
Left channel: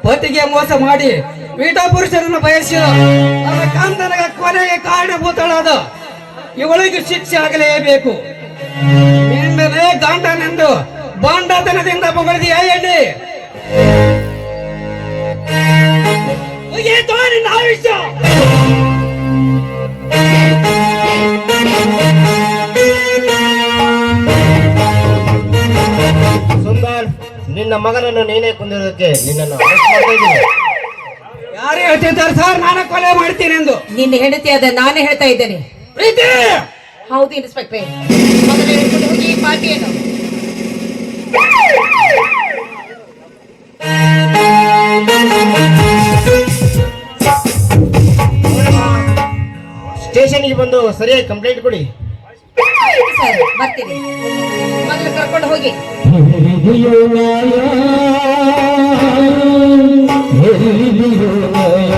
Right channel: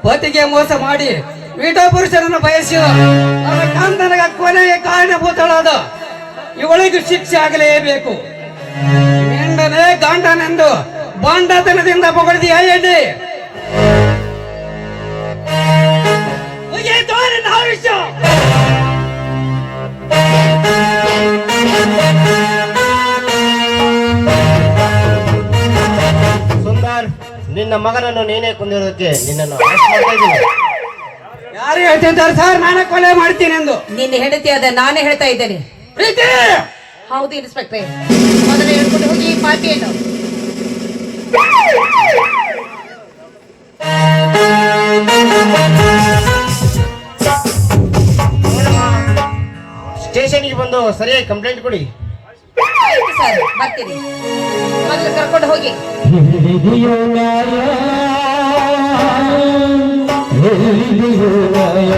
ಪತಿಗೆ ಮೋಸ ಮಾಡಿ ವಿಟ ಪುರುಷರನ್ನು ಬಯಸಿ ನನ್ನ ಕಾಂತನಗ ಕೊನೆಗೆ ಕಾರಣಭೂತಳಾದ ಇವಳಿಗೂ ಶಿಕ್ಷೆ ಆಗಲೇಬೇಕು. ನಿನ್ನದೇ ಗಂಡನೆಂದು ಬಾಂಡತನದಿಂದ ಹೊಗಳಿದೆಯಾ ಎಣ್ಣೆ? ಮುಗಿಯಿತೋ ನಿನ್ನ ಆಯುಷ್ಯ. ಸುಂದರ್, ನಿನ್ನ ಮಗನನ್ನು ನೀನೇ ಕೊಂದಿರೋದಕ್ಕೆ ನಿನ್ನನ್ನು arrest ಮಾಡ್ತಾ ಇದ್ದೀನಿ. ಯಾರು ಹೇಳ್ತಿದ್ದಾರೆ ಸರ್ ನಾನೇ ಕೊಲೆ ಮಾಡ್ತೀನಿ ಎಂದು? ನಿನ್ನ ಹೆಂಡತಿಯಾದ ನಾನೇ ಹೇಳ್ತಾ ಇದ್ದೇನೆ. ಪ್ರೀತಿ ಹೌದು ಇನ್ಸ್ಪೆಕ್ಟ್ರೆ, ಮೊದಲು ಹೇಳ್ಕೊಂಡು ಹೋಗಿ ಈ ಪಾರ್ಟಿಯನ್ನು. ಸ್ಟೇಷನ್ಗೆ ಬಂದು ಸರಿಯಾಗಿ ಕಂಪ್ಲೇಂಟ್ ಕೊಡಿ. ಸರ್ ಬರ್ತೀನಿ, ಮೊದಲು ಕರ್ಕೊಂಡು ಹೋಗಿ. ಎಲ್ಲಿದೆಯೋ ನ್ಯಾಯ, ಎಲ್ಲಿದೆಯೋ ನ್ಯಾಯ,